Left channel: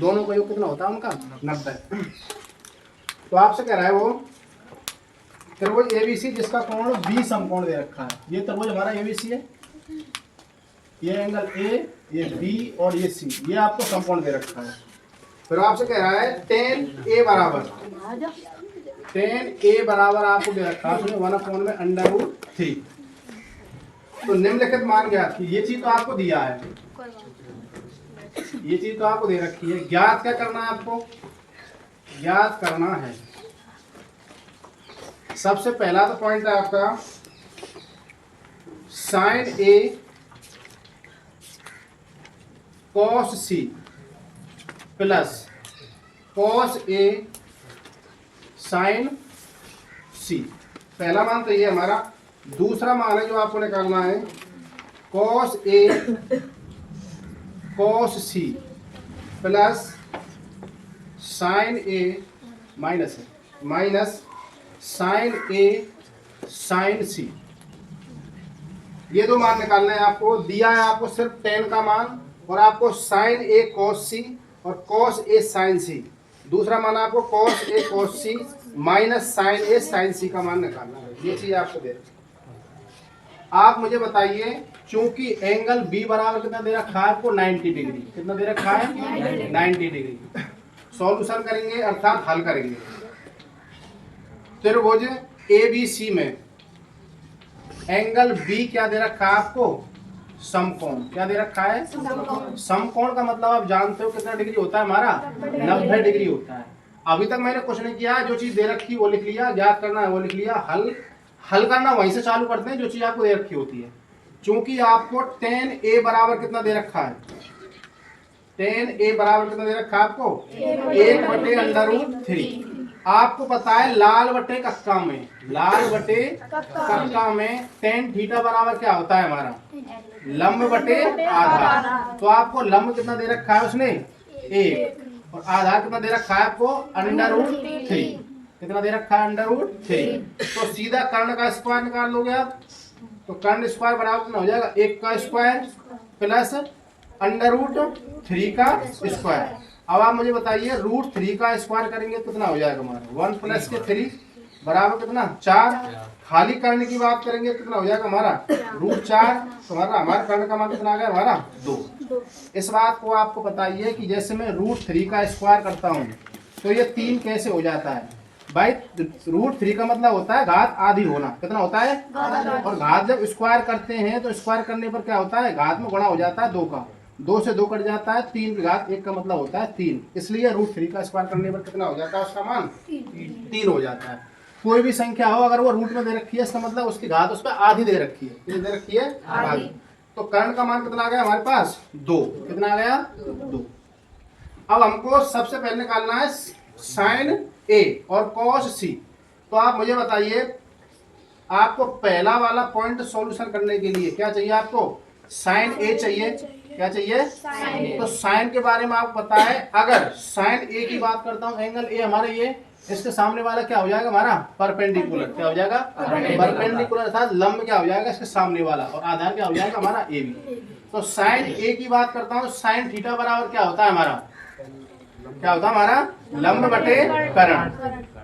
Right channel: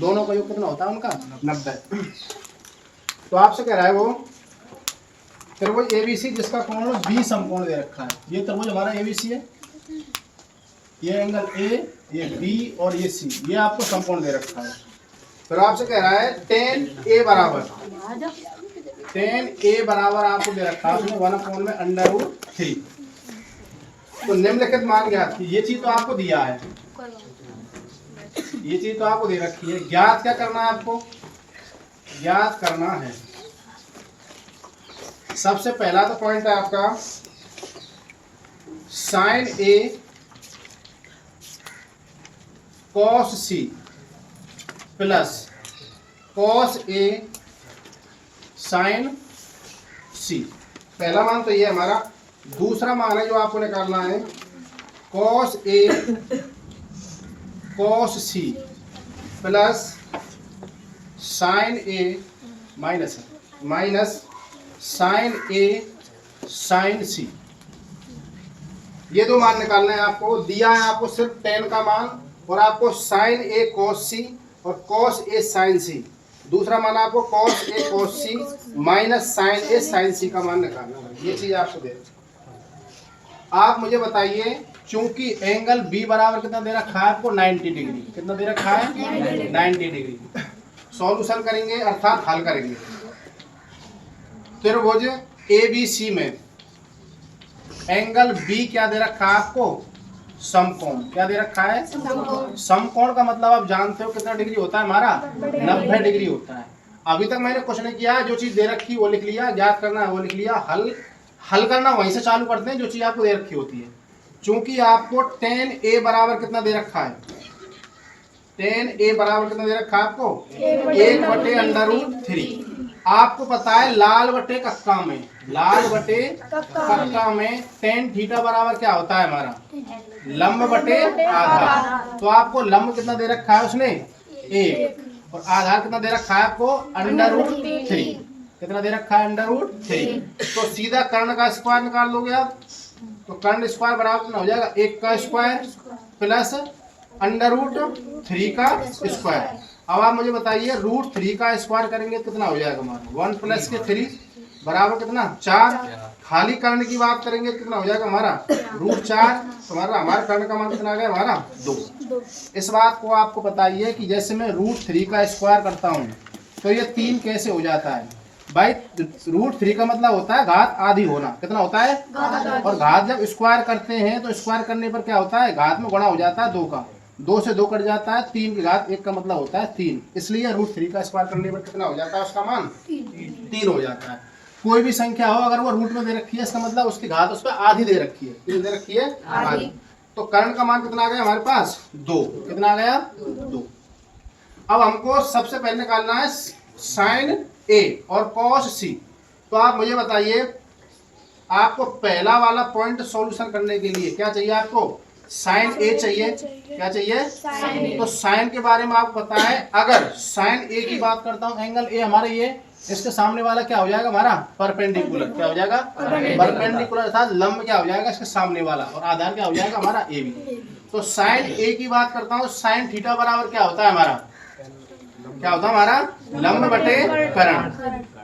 दोनों का योग कितना होता है उनका 90। तो आपसे कह रहा है वो त्रिभुज एबीसी जिसका कोण बी समकोण दे रखा है। ये त्रिभुज हमारा एबीसी है, ये एंगल ए, ये बी और ये सी, ये आपको समकोण दे रखा है। फिर आपसे कह रहा है tan A बराबर आपको दे रखा है उसने 1/√3। तो निम्नलिखित मान ज्ञात की, ये चीज तो आपको दिया है, ये चीज तो आपको दे रखी है। ज्ञात क्या करना है आपको? ज्ञात करना है सबसे पहला तो पॉइंट है आपका sin A cos C plus cos A sin C। पहला मान तो ये हमारा। दूसरा मान है जो आपको निकालना है cos A cos C plus sin A minus sin A sin C। ये दो मान निकालना है आपको। दिया है आपको सिर्फ tan का मान और आपको sin A cos C और cos A sin C। दूसरा मान आपको cos A cos C minus sin A sin C का मान निकालना है। ये चीज आपको दे। आप मुझे बताइए, चूंकि एंगल B बराबर कितना दे रखा है आपको 90 डिग्री। कितना दे रखा है 90 डिग्री। सॉल्यूशन करेंगे अर्थात हल करेंगे। त्रिभुज ABC में एंगल B क्या दे रखा है आपको? समकोण। क्या दे रखा है? समकोण का मतलब आप जानते हो कितना डिग्री होता है हमारा? 90 डिग्री होता है। अभी तक मैंने कुछ नहीं किया, जो चीज दे रखी वो लिख लिया, ज्ञात करना है वो लिख लिया, हल करना वहीं से चालू करते हैं जो चीज आपको दे रखी होती है। चूंकि आपको tan A बराबर कितना दे रखा है? tan A बराबर कितना दे रखा है आपको? 1/√3। आपको पता है लाल बटे कक्का में, लाल बटे कक्का में tan थीटा बराबर क्या होता है हमारा? लंब बटे आधार। तो आपको लंब कितना दे रखा है उसने? 1 और आधार कितना दे रखा है आपको? √3। कितना दे रखा है? √3। तो सीधा कर्ण का स्क्वायर निकाल लोगे आप, तो कर्ण स्क्वायर बराबर कितना हो जाएगा? 1 का स्क्वायर प्लस √3 का स्क्वायर। अब आप मुझे बताइए √3 का स्क्वायर करेंगे तो कितना हो जाएगा हमारा? 1 प्लस के 3 बराबर कितना? 4। खाली कर्ण की बात करेंगे तो कितना हो जाएगा हमारा? √4। हमारा कर्ण का मान कितना आ गया हमारा? 2। इस बात को आपको बताइए कि जैसे मैं √3 का स्क्वायर करता हूँ तो ये 3 कैसे हो जाता है भाई? √3 का मतलब होता है घात आधी होना। कितना होता है? और घात जब स्क्वायर करते हैं तो स्क्वायर करने पर क्या होता है? घात में गुणा हो जाता है 2 का, 2 से 2 कट जाता है, 3 की घात 1 का मतलब होता है 3। इसलिए √3 का स्क्वायर करने पर कितना हो जाता है? उसका मान 3 हो जाता है। कोई भी संख्या हो अगर वो रूट में दे रखी है इसका मतलब उसकी घात उस पर आधी दे रखी है। कितनी दे रखी है? आधी। तो कर्ण का मान कितना आ गया हमारे पास? 2। कितना आ गया? 2। अब हमको सबसे पहले निकालना है sin A और cos C। तो आप मुझे बताइए, आपको पहला वाला पॉइंट सॉल्यूशन करने के लिए क्या चाहिए? आपको sin A चाहिए। क्या चाहिए? तो sin के बारे में आपको पता है, अगर sin A की बात करता हूँ, एंगल A हमारा ये, इसके सामने वाला क्या हो जाएगा हमारा? परपेंडिकुलर। क्या हो जाएगा? परपेंडिकुलर अर्थात लंब क्या हो जाएगा इसके सामने वाला, और आधार क्या हो जाएगा हमारा? AB। तो sin A की बात करता हूँ, sin थीटा बराबर क्या होता है हमारा? क्या होता है हमारा? लंब बटे कर्ण।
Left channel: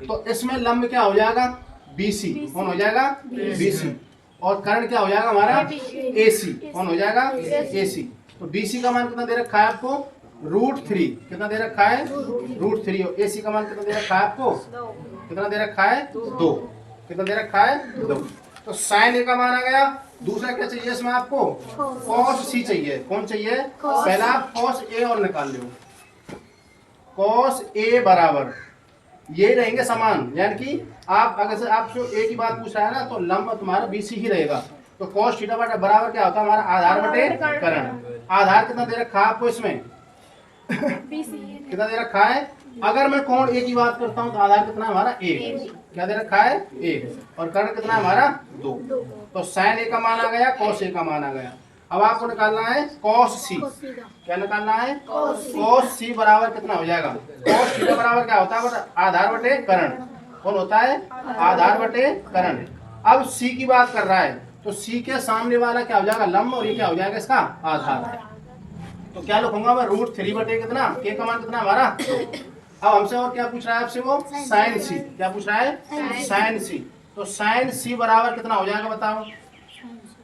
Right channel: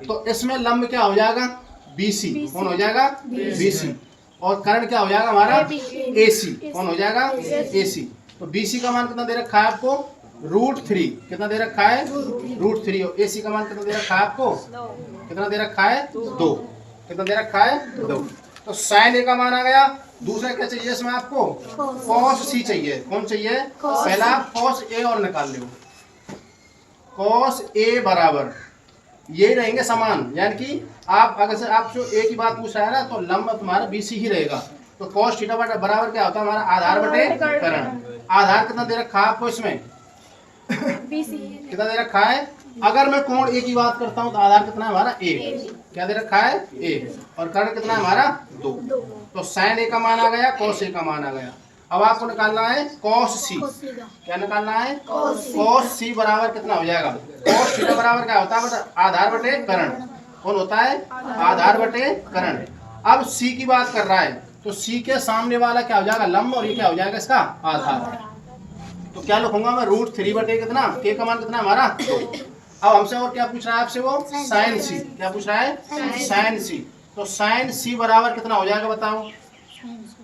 तो इसमें लंब क्या हो जाएगा? BC। कौन हो जाएगा? BC। और कर्ण क्या हो जाएगा हमारा? AC। कौन हो जाएगा? AC। तो BC का मान कितना दे रखा है आपको? √3। कितना दे रखा है? √3। और AC का मान कितना दे रखा है आपको? कितना दे रखा है? 2। कितना दे रखा है? 2। तो sin A का मान आ गया। दूसरा क्या चाहिए इसमें आपको? cos C चाहिए। कौन चाहिए? पहला cos A और निकाल लो। cos A बराबर ये रहेंगे समान, यानी कि आप अगर से आप जो A की बात पूछ रहा है ना, तो लंब तुम्हारा BC ही रहेगा। तो cos थीटा बराबर क्या होता है हमारा? आधार बटे कर्ण। आधार कितना दे रखा है आपको इसमें? कितना दे रखा है? अगर मैं कोण A की बात करता हूँ तो आधार कितना है हमारा? 1। क्या दे रखा है? 1। और कर्ण कितना है हमारा? 2। तो sin A का मान आ गया, cos A का मान आ गया। अब आपको निकालना है cos C। क्या निकालना है? cos C बराबर कितना हो जाएगा? cos थीटा बराबर क्या होता है? आधार बटे कर्ण। कौन होता है? आधार बटे कर्ण। अब C की बात कर रहा है तो C के सामने वाला क्या हो जाएगा? लंब, और ये क्या हो जाएगा इसका? आधार। तो क्या लिखूंगा मैं, √3 बटे कितना, के का मान कितना हमारा 2। अब हमसे और क्या पूछ रहा है आपसे, वो साइन सी, क्या पूछ रहा है, साइन सी। तो साइन सी बराबर कितना हो जाएगा बताओ।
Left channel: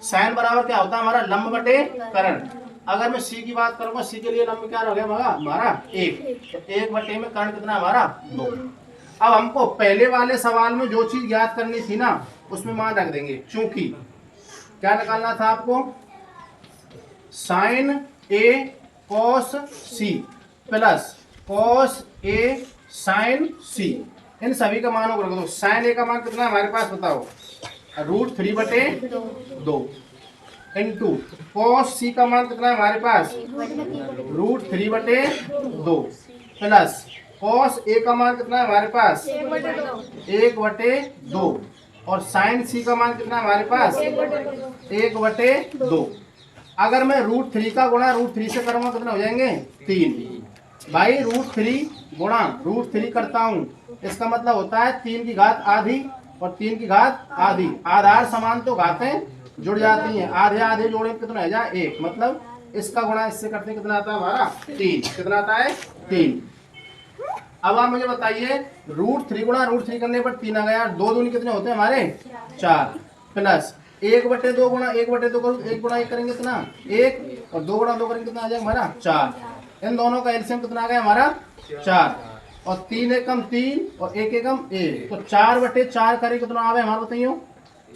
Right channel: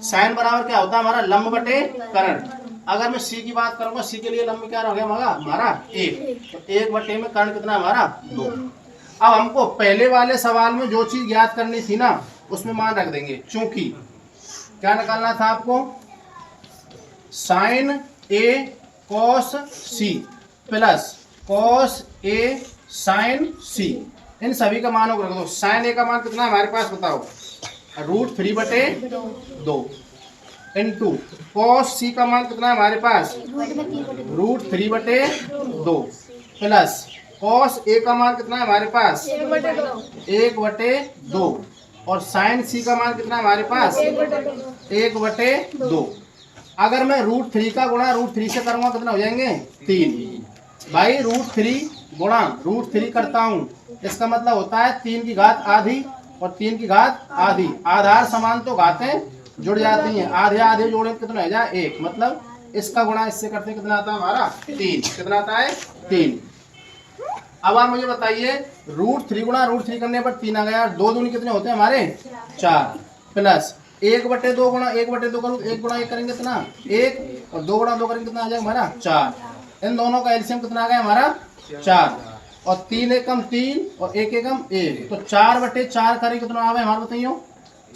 साइन बराबर क्या होता है हमारा, लंब बटे कर्ण। अगर मैं सी की बात करूंगा, सी के लिए लंब क्या रह गया हमारा 1, तो 1 बटे में कर्ण कितना हमारा 2। अब हमको पहले वाले सवाल में जो चीज ज्ञात करनी थी ना, उसमें मान रख देंगे। चूंकि क्या निकालना था आपको, sign A cos C plus cos A sign सी, इन सभी का मानों को रख दो। साइन ए का मान कितना हमारे पास बताओ, √3 बटे 2 इंटू कॉस सी का मान कितना है हमारे पास, √3 बटे 2 प्लस कॉस ए का मान कितना है हमारे पास, 1 बटे 2 और साइन सी का मान कितना है हमारे पास, 1 बटे 2। अगर मैं √3 का गुणा √3 से करूंगा कितना हो जाएंगे 3। भाई √3 गुणा √3 करता हूँ, इसका मतलब होता है 3 की घात आधी और 3 की घात आधी। आधार समान तो घातें जुड़ जाती हैं, आधे आधे जोड़े कितना हो जाए 1, मतलब इसका गुणा इससे करते कितना आता है हमारा 3। कितना आता है 3। अब आप मुझे बताइए, √3 गुणा √3 करने पर 3 आ गया, 2 दूनी कितने होते हैं हमारे 4 प्लस 1 बटे 2 गुणा 1 बटे 2 करूँ, 1 गुणा 1 करेंगे कितना 1 और 2 गुणा 2 करेंगे कितना आ जाएगा हमारा 4। इन दोनों का एलसीएम कितना आ गया हमारा 4 और 3 एकम 3 और 1 एकम 1, तो 4 बटे 4 करें कितना आ गया हमारा बताइए,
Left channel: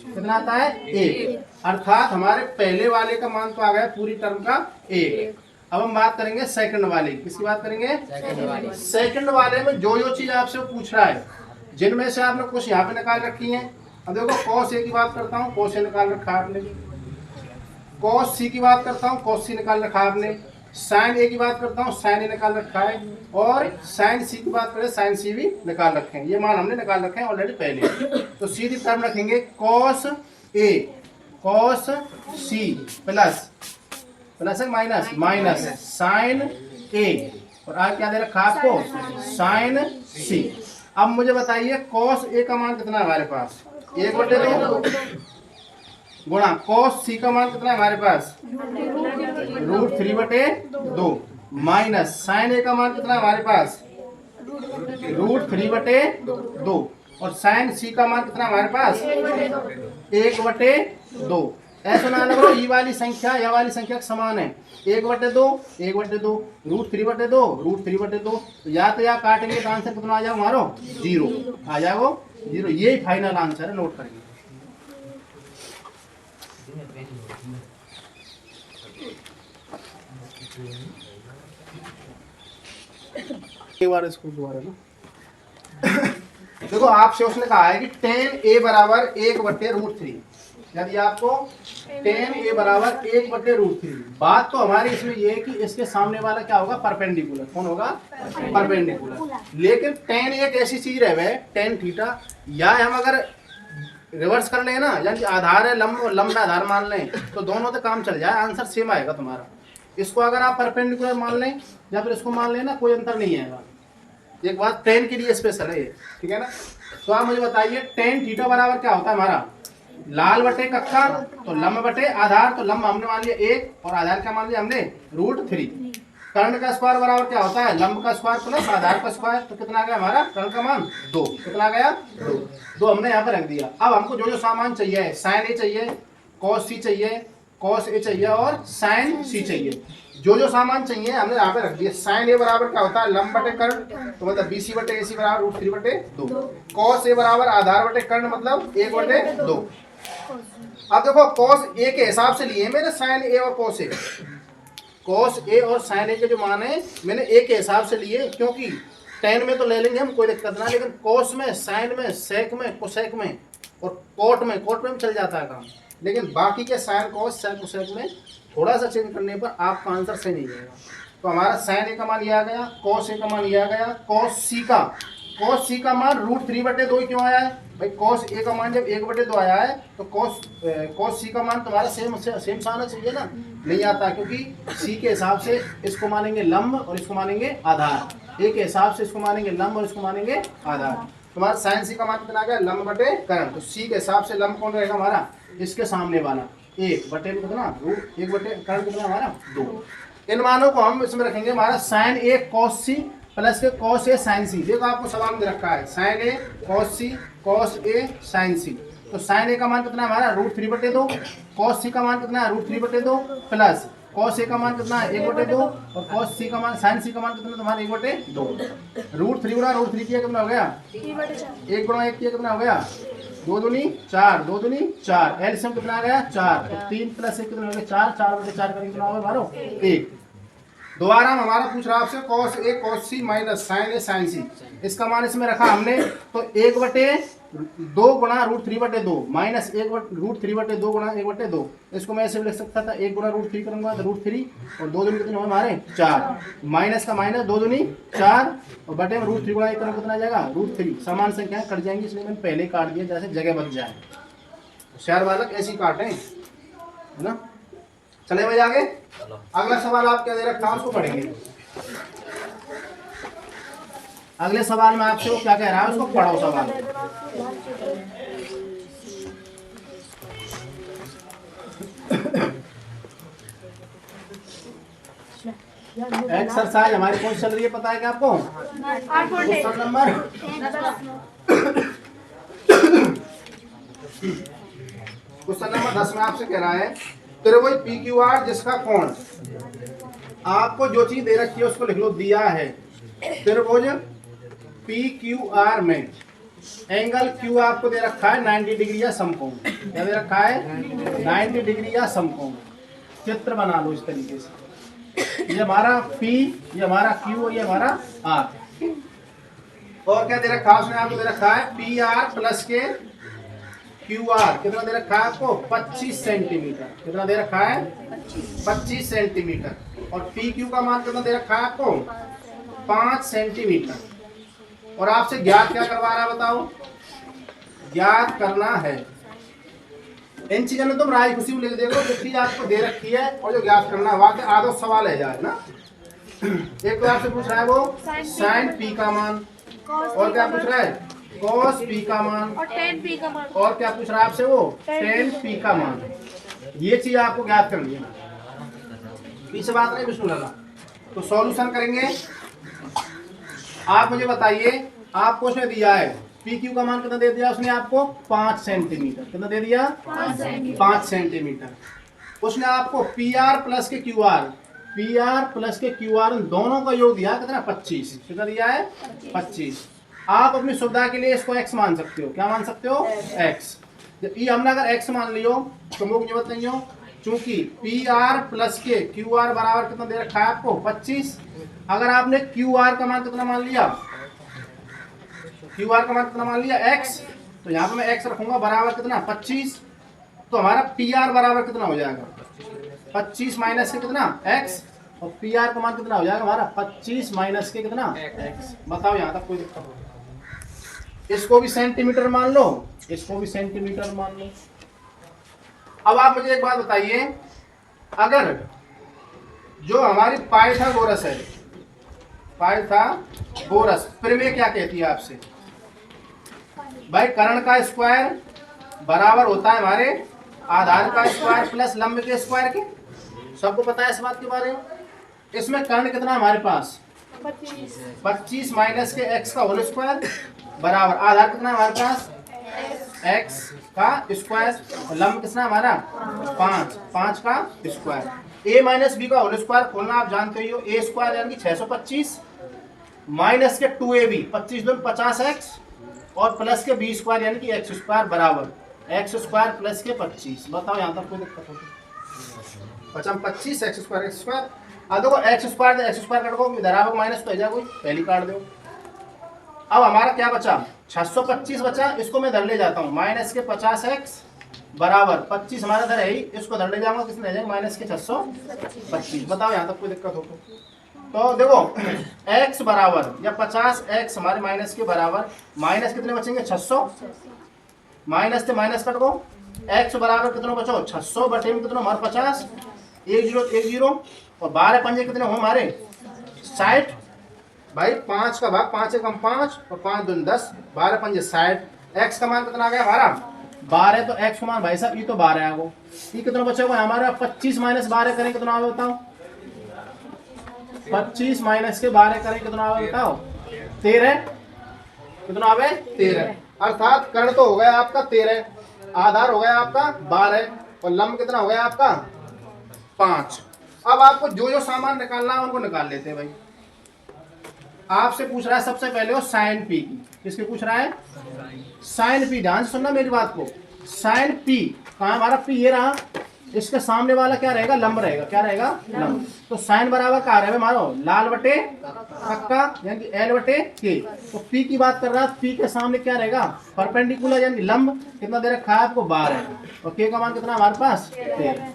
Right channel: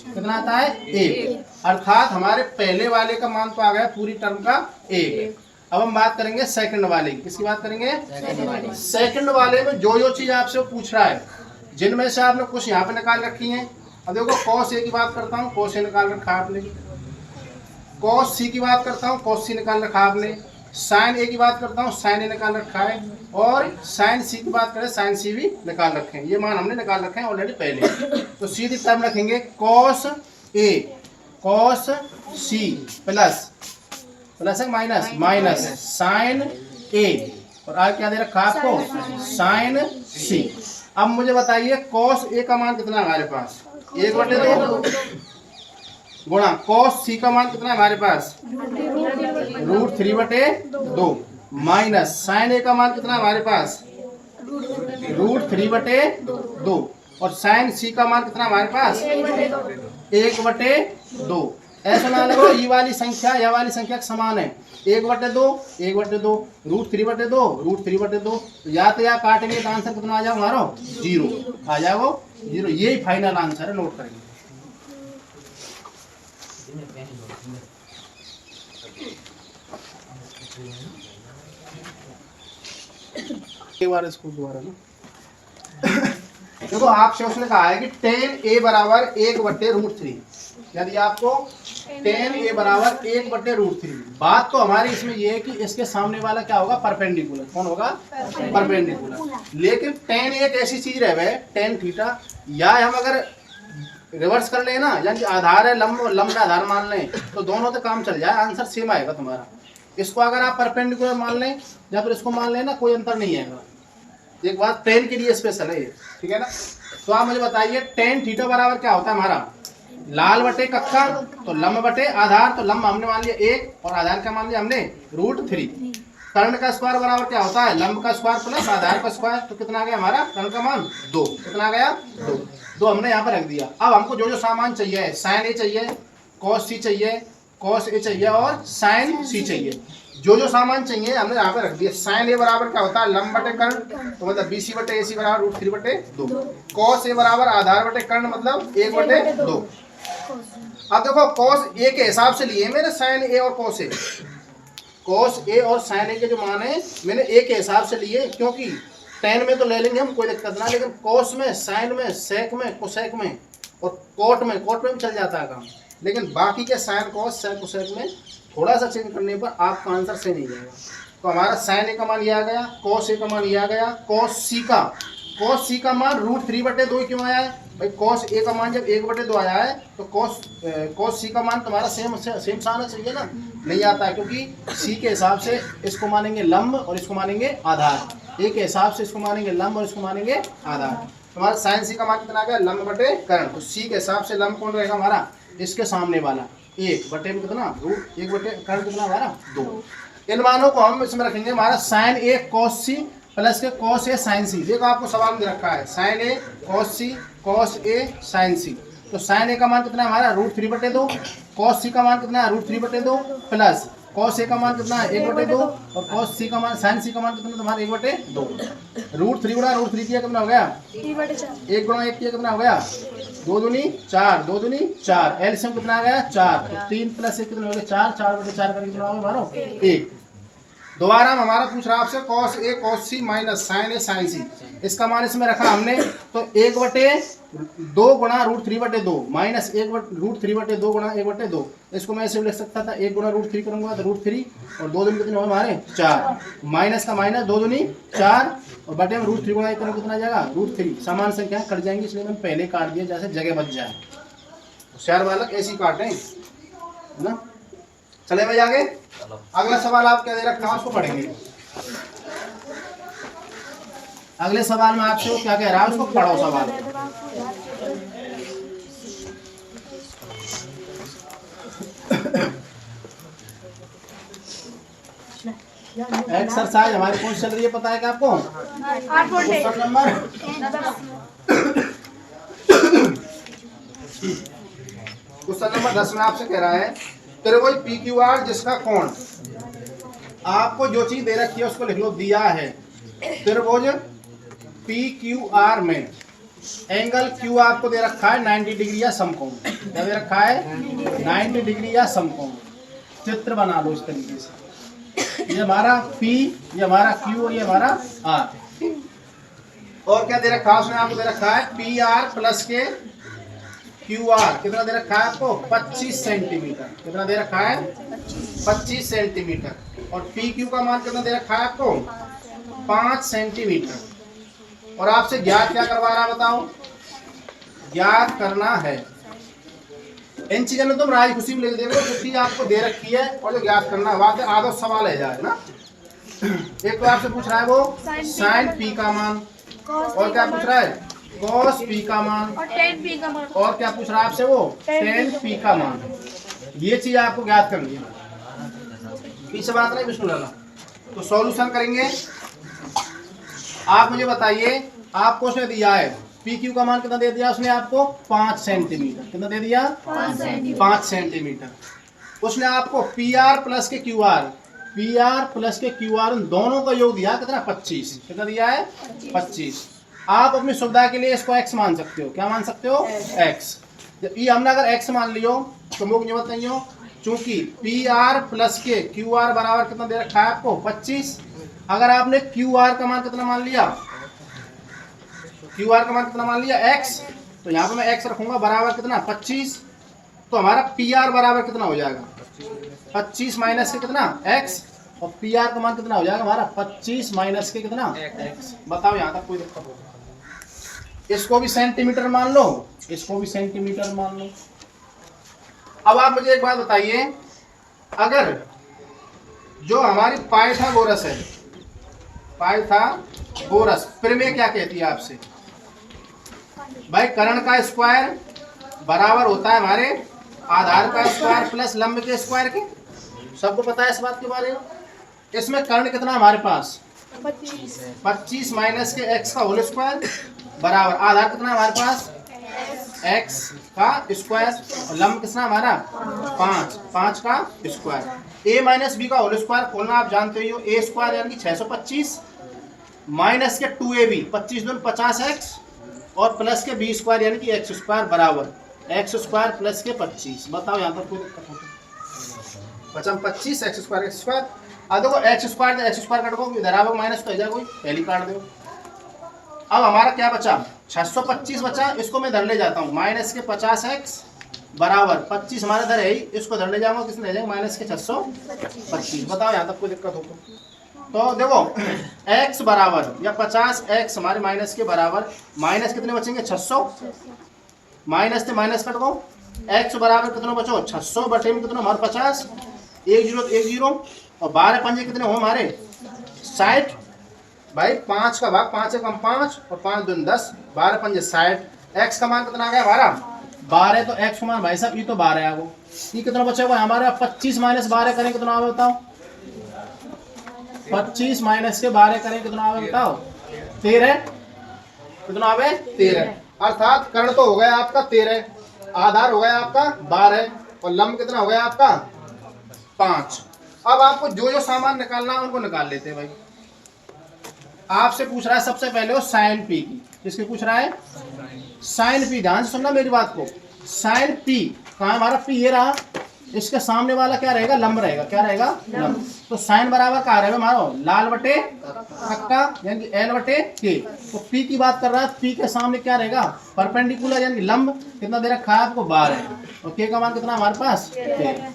कितना आता है 1। अर्थात हमारे पहले वाले का मान तो आ गया पूरी टर्म का 1। अब हम बात करेंगे सेकंड वाले की। किसकी बात करेंगे, सेकंड वाले में जो चीज आपसे पूछ रहा है, जिनमें से आपने कुछ यहाँ पे निकाल रखी है। अब देखो कॉस ए की बात करता हूँ, कॉस ए निकाल रखा आपने, कॉस सी की बात करता हूँ, कॉस सी निकाल रखा आपने, साइन ए की बात करता हूँ, साइन ए निकाल रखा है, और साइन सी की बात करें, साइन सी भी निकाल रखे हैं। ये मान हमने निकाल रखे हैं ऑलरेडी पहले। तो सीधी टर्म रखेंगे cos A cos C plus plus है माइनस माइनस साइन ए, और आगे क्या दे रखा है आपको, साइन सी। अब मुझे बताइए कॉस ए का मान कितना है हमारे पास, 1 बटे 2 गुणा कॉस सी का मान कितना है हमारे पास, √3 बटे 2 माइनस साइन ए का मान कितना है हमारे पास, √3 बटे 2 और साइन सी का मान कितना है हमारे पास, 1 बटे 2। ऐसा ना लगो ये वाली संख्या यह वाली संख्या समान है, 1 बटे 2 1 बटे 2 √3 बटे 2 √3 बटे 2, या तो या काटेंगे तो आंसर कितना आ जाएगा हमारा 0 आ जाएगा 0। यही फाइनल आंसर है, नोट करेंगे। एक बार इसको दोबारा ना देखो, आपसे उसने कहा है कि tan a बराबर 1 बटे √3। यदि आपको tan a बराबर 1 बटे √3, बात तो हमारी इसमें ये है कि इसके सामने वाला क्या होगा, परपेंडिकुलर। कौन होगा, परपेंडिकुलर। लेकिन tan एक ऐसी चीज रहे tan थीटा, या हम अगर रिवर्स कर लें ना, यानी आधार है लंब आधार मान लें, तो दोनों से काम चल जाए, आंसर सेम आएगा तुम्हारा। इसको अगर आप परपेंडिकुलर मान लें या फिर इसको मान लें ना, कोई अंतर नहीं आएगा। एक बात tan के लिए स्पेशल है, ठीक है ना। तो आप मुझे बताइए tan थीटा बराबर क्या होता है हमारा, लाल बटे कक्का, तो लंब बटे आधार, तो लंब हमने मान लिया 1 और आधार क्या मान लिया हमने √3। कर्ण का स्क्वायर बराबर क्या होता है, लंब का स्क्वायर प्लस आधार का स्क्वायर, तो कितना आ गया हमारा कर्ण का मान 2। कितना आ गया 2 हमने यहाँ पर रख दिया। अब हमको जो सामान चाहिए, साइन ए चाहिए, कॉस सी चाहिए, कॉस ए चाहिए और साइन सी चाहिए। जो सामान चाहिए हमने यहाँ पे रख दिया। साइन ए बराबर क्या होता है, लंब बटे कर्ण, तो मतलब BC बटे AC बराबर √3 बटे 2। कॉस ए बराबर आधार बटे कर्ण, मतलब 1 बटे 2। अब देखो कॉस ए के हिसाब से लिए मैंने साइन ए और कॉस ए, कॉस ए और साइन ए के जो मान है मैंने ए के हिसाब से लिए, क्योंकि tan में तो ले लेंगे हम, कोई दिक्कत ना, लेकिन कॉस में, साइन में, सेक में, कोसेक में और कोट में भी चल जाता है काम। लेकिन बाकी के साइन, कॉस, सेक, कोसेक में थोड़ा सा चेंज करने पर आपका आंसर सही नहीं जाएगा। तो हमारा साइन ए का मान ये आ गया, कॉस ए का मान ये आ गया, कॉस सी का मान √3 बटे 2 क्यों आया है भाई, कॉस ए का मान जब 1 बटे 2 आया है तो कॉस सी का मान तुम्हारा सेम आना चाहिए ना, नहीं आता, क्योंकि सी के हिसाब से इसको मानेंगे लंब और इसको मानेंगे आधार, ए के हिसाब से इसको मानेंगे लंब और इसको मानेंगे आधार। तुम्हारा साइन सी का मान कितना आ गया, लंब बटे कर्ण, तो सी के हिसाब से लंब कौन रहेगा हमारा, इसके सामने वाला 1 बटे में कितना 1 बटे कर्ण कितना हमारा 2। इन मानों को हम इसमें रखेंगे हमारा साइन ए कॉस सी प्लस के कॉस ए साइन सी। देखो आपको सवाल में दे रखा है sign A cos C cos A sign सी। तो साइन ए का मान कितना है हमारा √3/2, कॉस सी का मान कितना है √3/2 प्लस कॉस ए का मान कितना है 1/2 और कॉस सी का मान साइन सी का मान कितना तुम्हारा 1/2। √3 गुणा √3 किया कितना हो गया 1 गुणा 1 किया कितना हो गया 2 दूनी 4 2 दूनी 4। एलसीएम कितना आ गया 4। तो 3 + 1 कितना हो गया 4 4/4 करके कितना हो गया 1। दोबारा हमारा पूछ रहा है आपसे cos A cos C minus sign A sign सी। इसका मान इसमें रखा हमने तो 1/2 गुणा √3/2 माइनस 1/√3/2 गुणा 1/2। इसको मैं ऐसे भी लिख सकता था 1 गुणा √3 करूंगा तो √3 और 2 दूनी कितने हुए हमारे 4। माइनस का माइनस 2 दूनी 4 और बटे में √3 गुणा 1 करेंगे कितना आ जाएगा √3। समान संख्याएं कट जाएंगी इसलिए मैंने पहले काट दिया जैसे जगह बच जाए। होशियार बालक ऐसी काटें है ना। चले भाई आगे। अगला सवाल आप क्या दे रखा है उसको पढ़ेंगे। अगले सवाल में आपसे वो क्या कह रहा है उसको पढ़ो सवाल। एक्सरसाइज हमारी कौन चल रही है पता है क्या आपको? क्वेश्चन नंबर 10 में आपसे कह रहा है त्रिभुज PQR जिसका कोण, आपको जो चीज दे रखी है उसको लिख लो। दिया है त्रिभुज PQR में एंगल Q आपको दे रखा है 90 डिग्री या समकोण। क्या दे रखा है 90 डिग्री या समकोण। चित्र बना लो इस तरीके से, ये हमारा P, ये हमारा Q और ये हमारा R। और क्या दे रखा है उसने आपको दे रखा है PR प्लस के QR। कितना दे रखा है आपको 25 सेंटीमीटर। कितना दे रखा है 25 सेंटीमीटर। और PQ का मान कितना दे रखा है आपको 5 सेंटीमीटर। और आपसे ज्ञात क्या करवा रहा है बताओ? ज्ञात करना है। इन चीजों में तुम राय खुशी में लिख देखो जो चीज आपको दे रखी है और जो ज्ञात करना है वहां पे आधा सवाल है जाए ना। एक तो आपसे पूछ रहा है वो साइन P का मान, और क्या पूछ रहा है cos P का मान, और tan P का मान, और क्या पूछ रहा है आपसे वो tan P का मान। ये चीज आपको ज्ञात करनी है। पीछे बात नहीं विष्णु लाला। तो सॉल्यूशन करेंगे। आप मुझे बताइए आपको उसने दिया है PQ का मान कितना दे दिया उसने आपको 5 सेंटीमीटर। कितना दे दिया 5 सेंटीमीटर। उसने आपको PR प्लस के QR दोनों का योग दिया कितना 25। कितना दिया है 25। आप अपनी सुविधा के लिए इसको x मान सकते हो। क्या मान सकते हो x। ये हमने अगर x मान लियो तो मुझे जरूरत नहीं हो, क्योंकि PR प्लस के QR बराबर कितना दे रखा है आपको 25। अगर आपने QR का मान कितना मान लिया x, तो यहाँ पे मैं x रखूंगा बराबर कितना 25। तो हमारा PR बराबर कितना हो जाएगा 25 माइनस के कितना x, और PR का मान कितना हो जाएगा हमारा 25 माइनस के कितना x। बताओ यहाँ तक कोई दिक्कत हो? इसको भी सेंटीमीटर मान लो, इसको भी सेंटीमीटर मान लो। अब आप मुझे एक बात बताइए, अगर जो हमारी पाइथागोरस है, पाइथागोरस प्रमेय क्या कहती है आपसे? भाई कर्ण का स्क्वायर बराबर होता है हमारे आधार का स्क्वायर प्लस लंब के स्क्वायर के। सबको पता है इस बात के बारे में। इसमें कर्ण कितना हमारे पास 25 माइनस के x का होल स्क्वायर बराबर आधार कितना हमारे पास x का स्क्वायर और लंब कितना हमारा 5 का स्क्वायर। a माइनस बी का होल स्क्वायर खोलना आप जानते ही हो। a स्क्वायर यानी कि 625 माइनस के 2ab 25 दूनी 50x और प्लस के b स्क्वायर यानी कि x स्क्वायर बराबर x स्क्वायर प्लस के 25। बताओ यहाँ तक कोई दिक्कत हो? 25 x स्क्वायर। अब देखो x स्क्वायर कट गो इधर आओ माइनस तो जाए कोई पहली काट दो। अब हमारा क्या बचा 625 बचा। इसको मैं इधर ले जाता हूँ माइनस के 50x बराबर 25 हमारे इधर है ही, इसको इधर ले जाऊंगा किसने ले जाएंगे माइनस के 625। बताओ यहाँ तक कोई दिक्कत हो तो देखो x बराबर या 50x हमारे माइनस के बराबर माइनस कितने बचेंगे 600 माइनस से माइनस कट गो x बराबर कितना बचो 600 बटे में कितना हमारे 50 1 0 और 12 पंजे कितने हो हमारे 60। भाई 5 का भाग 5 से कम 5 और 5 दूनी 10 12 पंजे 60। x का मान कितना आ गया हमारा 12। तो x का मान भाई साहब ये तो 12 आ गो। ये कितना बचेगा हमारे 25 माइनस 12 करें कितना आ बताओ 25 माइनस के 12 करें कितना आवे बताओ? 13। कितना आवे? 13। अर्थात कर्ण तो हो गया आपका 13, आधार हो गया आपका 12 और लंब कितना हो गया आपका 5। अब आपको जो जो सामान निकालना है उनको निकाल लेते हैं भाई। आपसे पूछ रहा है सबसे पहले वो साइन पी की। किसके पूछ रहा है? Sine P. ध्यान से सुनना मेरी बात को। साइन पी कहाँ है हमारा? पी ये रहा। इसके सामने वाला क्या रहेगा? लंब रहेगा। क्या रहेगा? लंब। तो साइन बराबर क्या रहेगा हमारा? लाल बटे अक्का यानी कि एल बटे के। तो पी की बात कर रहा है, पी के सामने क्या रहेगा? परपेंडिकुलर यानी लंब। कितना दे रखा है आपको? 12 और के का मान कितना हमारे पास? 13।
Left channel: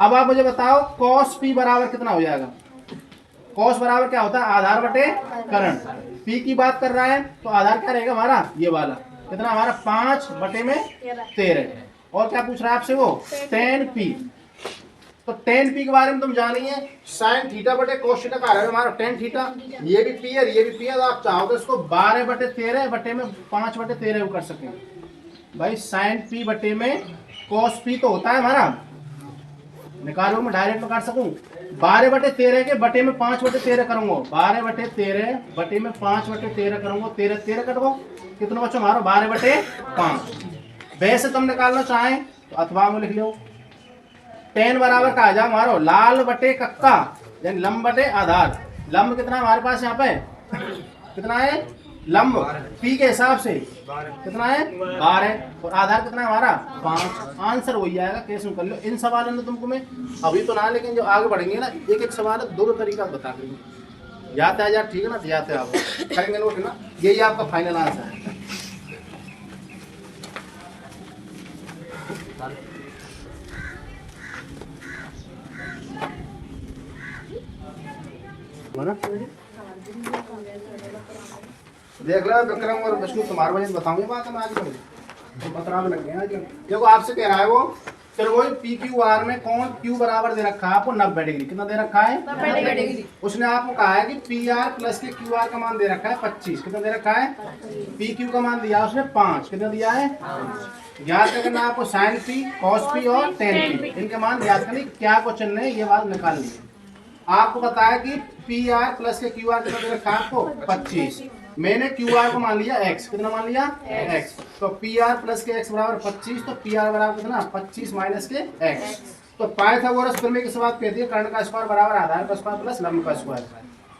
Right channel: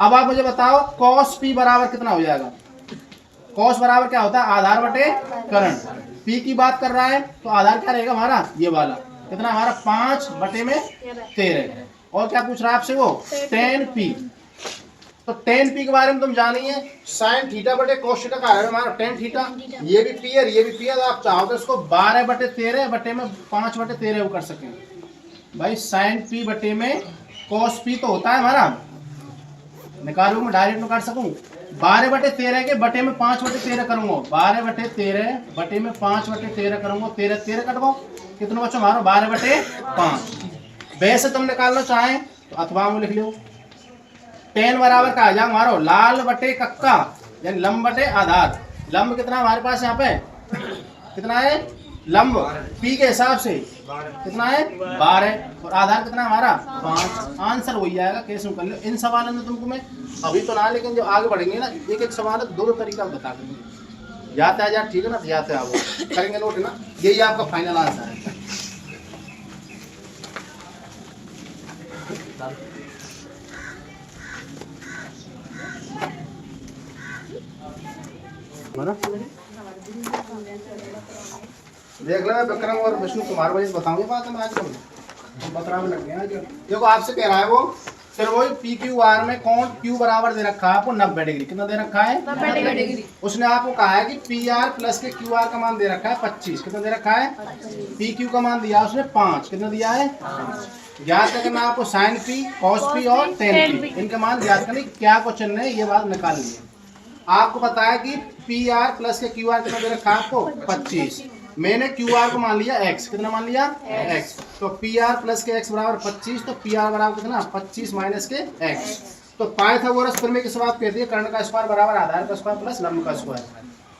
अब आप मुझे बताओ कॉस पी बराबर कितना हो जाएगा? कॉस बराबर क्या होता है? आधार बटे कर्ण। पी की बात कर रहा है तो आधार क्या रहेगा हमारा? ये वाला। कितना हमारा? 5 बटे में 13। और क्या पूछ रहा है आपसे वो? Ten P. तो टेन पी के बारे में तुम जानी है। साइन थीटा बटे कोस थीटा का है हमारा टेन थीटा। ये भी पी है ये भी पी है। तो आप चाहो तो इसको 12 बटे 13 बटे में 5 बटे 13 कर सकें भाई। साइन पी बटे में कोस पी तो होता है हमारा, निकालो मैं डायरेक्ट में काट सकूं। 12 बटे 13 के बटे में 5 बटे 13 करूंगा। 12 बटे 13 बटे में 5 बटे 13 करूंगा। 13 13 कटवाओ कितना बच्चों हमारा? 12 बटे 5। वैसे तुम निकालना चाहें तो अथवा में लिख लो। टेन बराबर का आ जाओ हमारा लाल बटे कक्का यानी लंब बटे आधार। लंब कितना हमारे पास यहाँ पे? कितना है लंब? पी के हिसाब से कितना है? 12 और आधार कितना हमारा? 5। आंसर वही आएगा। कैसे कर लो इन सवालों में तुमको मैं अभी तो ना, लेकिन जो आगे बढ़ेंगे ना एक एक सवाल दो तरीका बता देंगे। जाते आ जा ठीक है ना? जाते आप करेंगे नोट ना। यही आपका फाइनल आंसर है। देख लो विक्रम और विष्णु तुम्हारे वजह से बताऊंगी बात मैं आज बता में लग गया आज। देखो आपसे कह रहा है वो फिर वही पी क्यू आर में कौन क्यू बराबर दे रखा है आपको 90 डिग्री। कितना दे रखा है? 90 डिग्री। उसने आपको कहा है कि पी आर प्लस के क्यू आर का मान दे रखा है 25। कितना दे रखा है? पी क्यू का मान दिया उसने 5। कितना दिया है? ज्ञात करना आपको साइन पी कॉस पी और टेन पी इनके मान ज्ञात करने। क्या क्वेश्चन ने ये बात निकाल ली। आपको बताया कि पी आर प्लस के क्यू आर कितना दे रखा है आपको? 25। मैंने क्यू आर को मान लिया x। कितना मान लिया? x। तो पी आर प्लस के x बराबर 25। तो पी आर बराबर कितना? 25 माइनस के x। तो पाइथागोरस प्रमेय किस बात कहती है? कर्ण का स्क्वायर बराबर आधार का स्क्वायर प्लस लंब का स्क्वायर।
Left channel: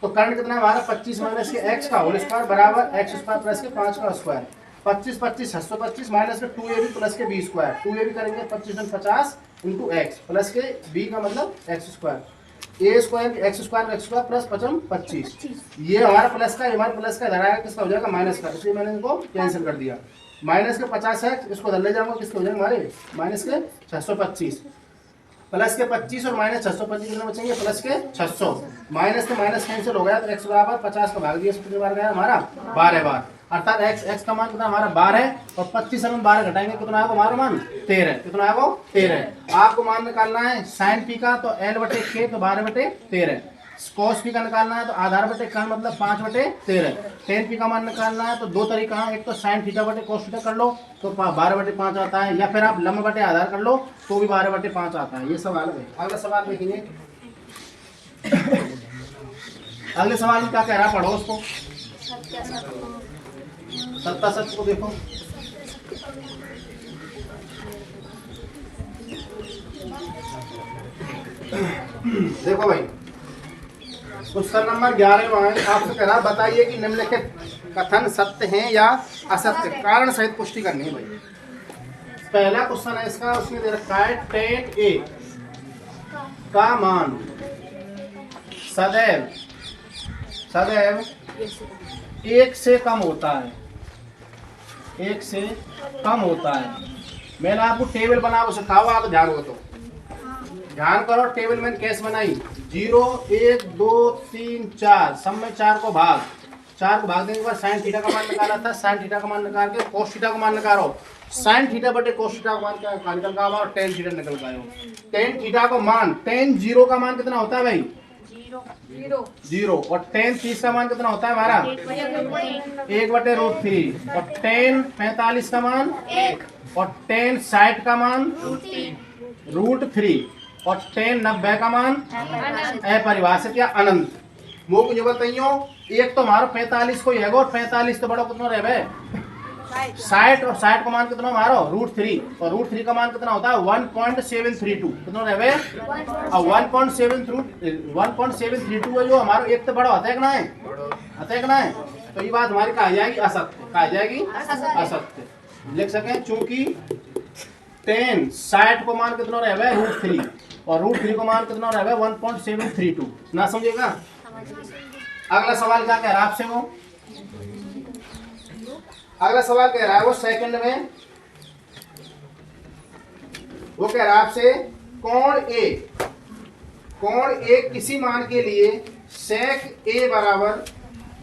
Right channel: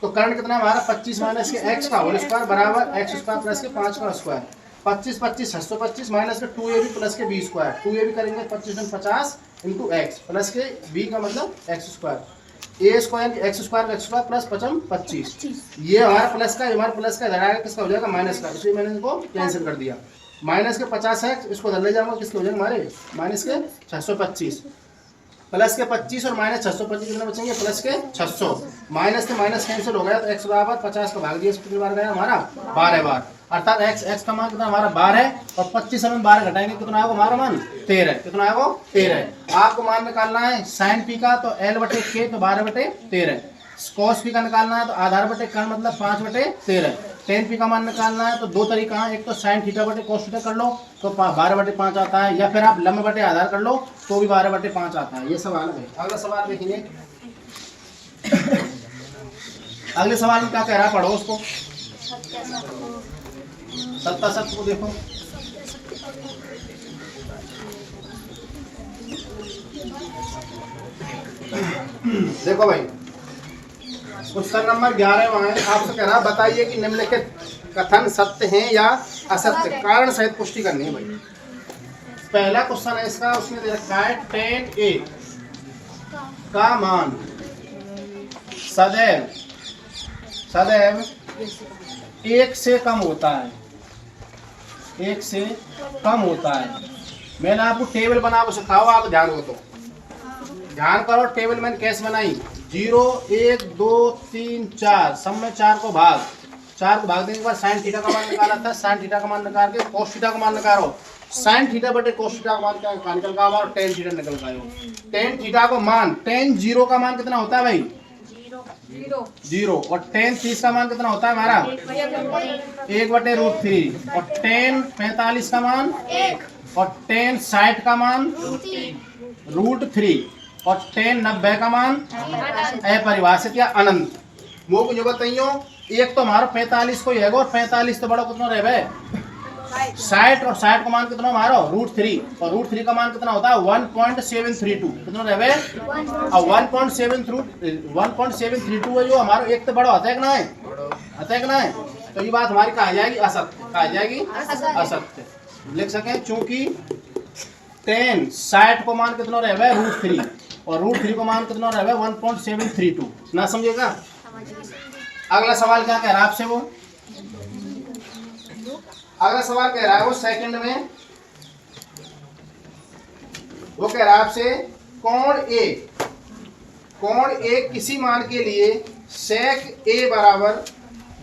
तो कर्ण कितना हमारा? 25 माइनस के x का होल स्क्वायर बराबर x स्क्वायर प्लस के 5 का स्क्वायर। 25 25 625 माइनस के 2ab प्लस के b स्क्वायर। 2ab करेंगे 25 50 इंटू x प्लस के b का मतलब x स्क्वायर। ए स्क्वायर एक्स स्क्वायर प्लस 25। ये हमारा प्लस का हमारा प्लस का इधर किसका हो जाएगा? माइनस का। इसलिए मैंने इनको कैंसिल कर दिया। माइनस के 50 है इसको इधर ले जाऊंगा। किसके हो जाएंगे हमारे? माइनस के 625 प्लस के 25 और माइनस 625 कितना बचेंगे? प्लस के 600। माइनस के माइनस कैंसिल हो गया तो x बराबर 50 का भाग दिया कितनी बार गया हमारा? 12 बार। अर्थात x का मान कितना हमारा? 12 और 25 में 12 घटाएंगे कितना आएगा हमारा मान? 13। कितना आएगा? 13। आपको मान निकालना है साइन पी का तो l बटे के तो 12 बटे 13। कॉस पी का निकालना है तो आधार बटे कर्ण मतलब 5 बटे 13। टेन पी का मान निकालना है तो दो तरीका है। एक तो साइन थीटा बटे कॉस थीटा कर लो तो 12 बटे 5 आता है, या फिर आप लंब बटे आधार कर लो तो भी 12 बटे 5 आता है। ये सवाल है। अगला सवाल देखेंगे। अगले सवाल में क्या कह रहा है? पढ़ो उसको। सत्ता सत्य को देखो। देखो भाई क्वेश्चन नंबर 11 में आपसे कह रहा बताइए कि निम्नलिखित कथन सत्य हैं या असत्य, कारण सहित पुष्टि करनी है भाई। पहला क्वेश्चन है इसका, उसमें दे रखा है tan a का मान सदैव सदैव 1 से कम होता है। 1 से कम होता है। मैंने आपको टेबल बना सिखाओ, आप ध्यान हो तो ध्यान करो। टेबल मैंने कैसे बनाई? 0 1 2 3 4 सब में 4 को भाग देने के बाद साइन थीटा का मान निकाला था। साइन थीटा का मान निकाल के कोस थीटा का मान निकालो। साइन थीटा बटे कोस थीटा का मान क्या निकल का और टेन थीटा निकल का। टेन थीटा को मान टेन 0 का मान कितना होता है भाई? 0। और टेन 30 का मान कितना होता है हमारा? 1/√3। और टेन 45 का मान 1 और टेन 60 का मान √3। और tan 90 का मान अपरिभाषित या अनंत। वो जो बताइयो एक तो हमारो 45 को है और 45 तो बड़ा कितना रहे 60 और 60 का मान कितना मारो √3 और √3 का मान कितना होता है 1.732 कितना रहे और 1.732 है जो हमारा एक तो बड़ा होता है कि ना है होता है कि ना है। तो ये बात हमारी कहा जाएगी असत्य, कहा जाएगी असत्य लिख सकें चूंकि tan 60 को मान कितना रहे √3 और √3 को मान कितना रहे 1.732 ना समझेगा। अगला सवाल क्या कह रहा है आपसे वो अगला सवाल कह रहा है वो सेकंड में वो कह रहा है आपसे कोण ए किसी मान के लिए sec a बराबर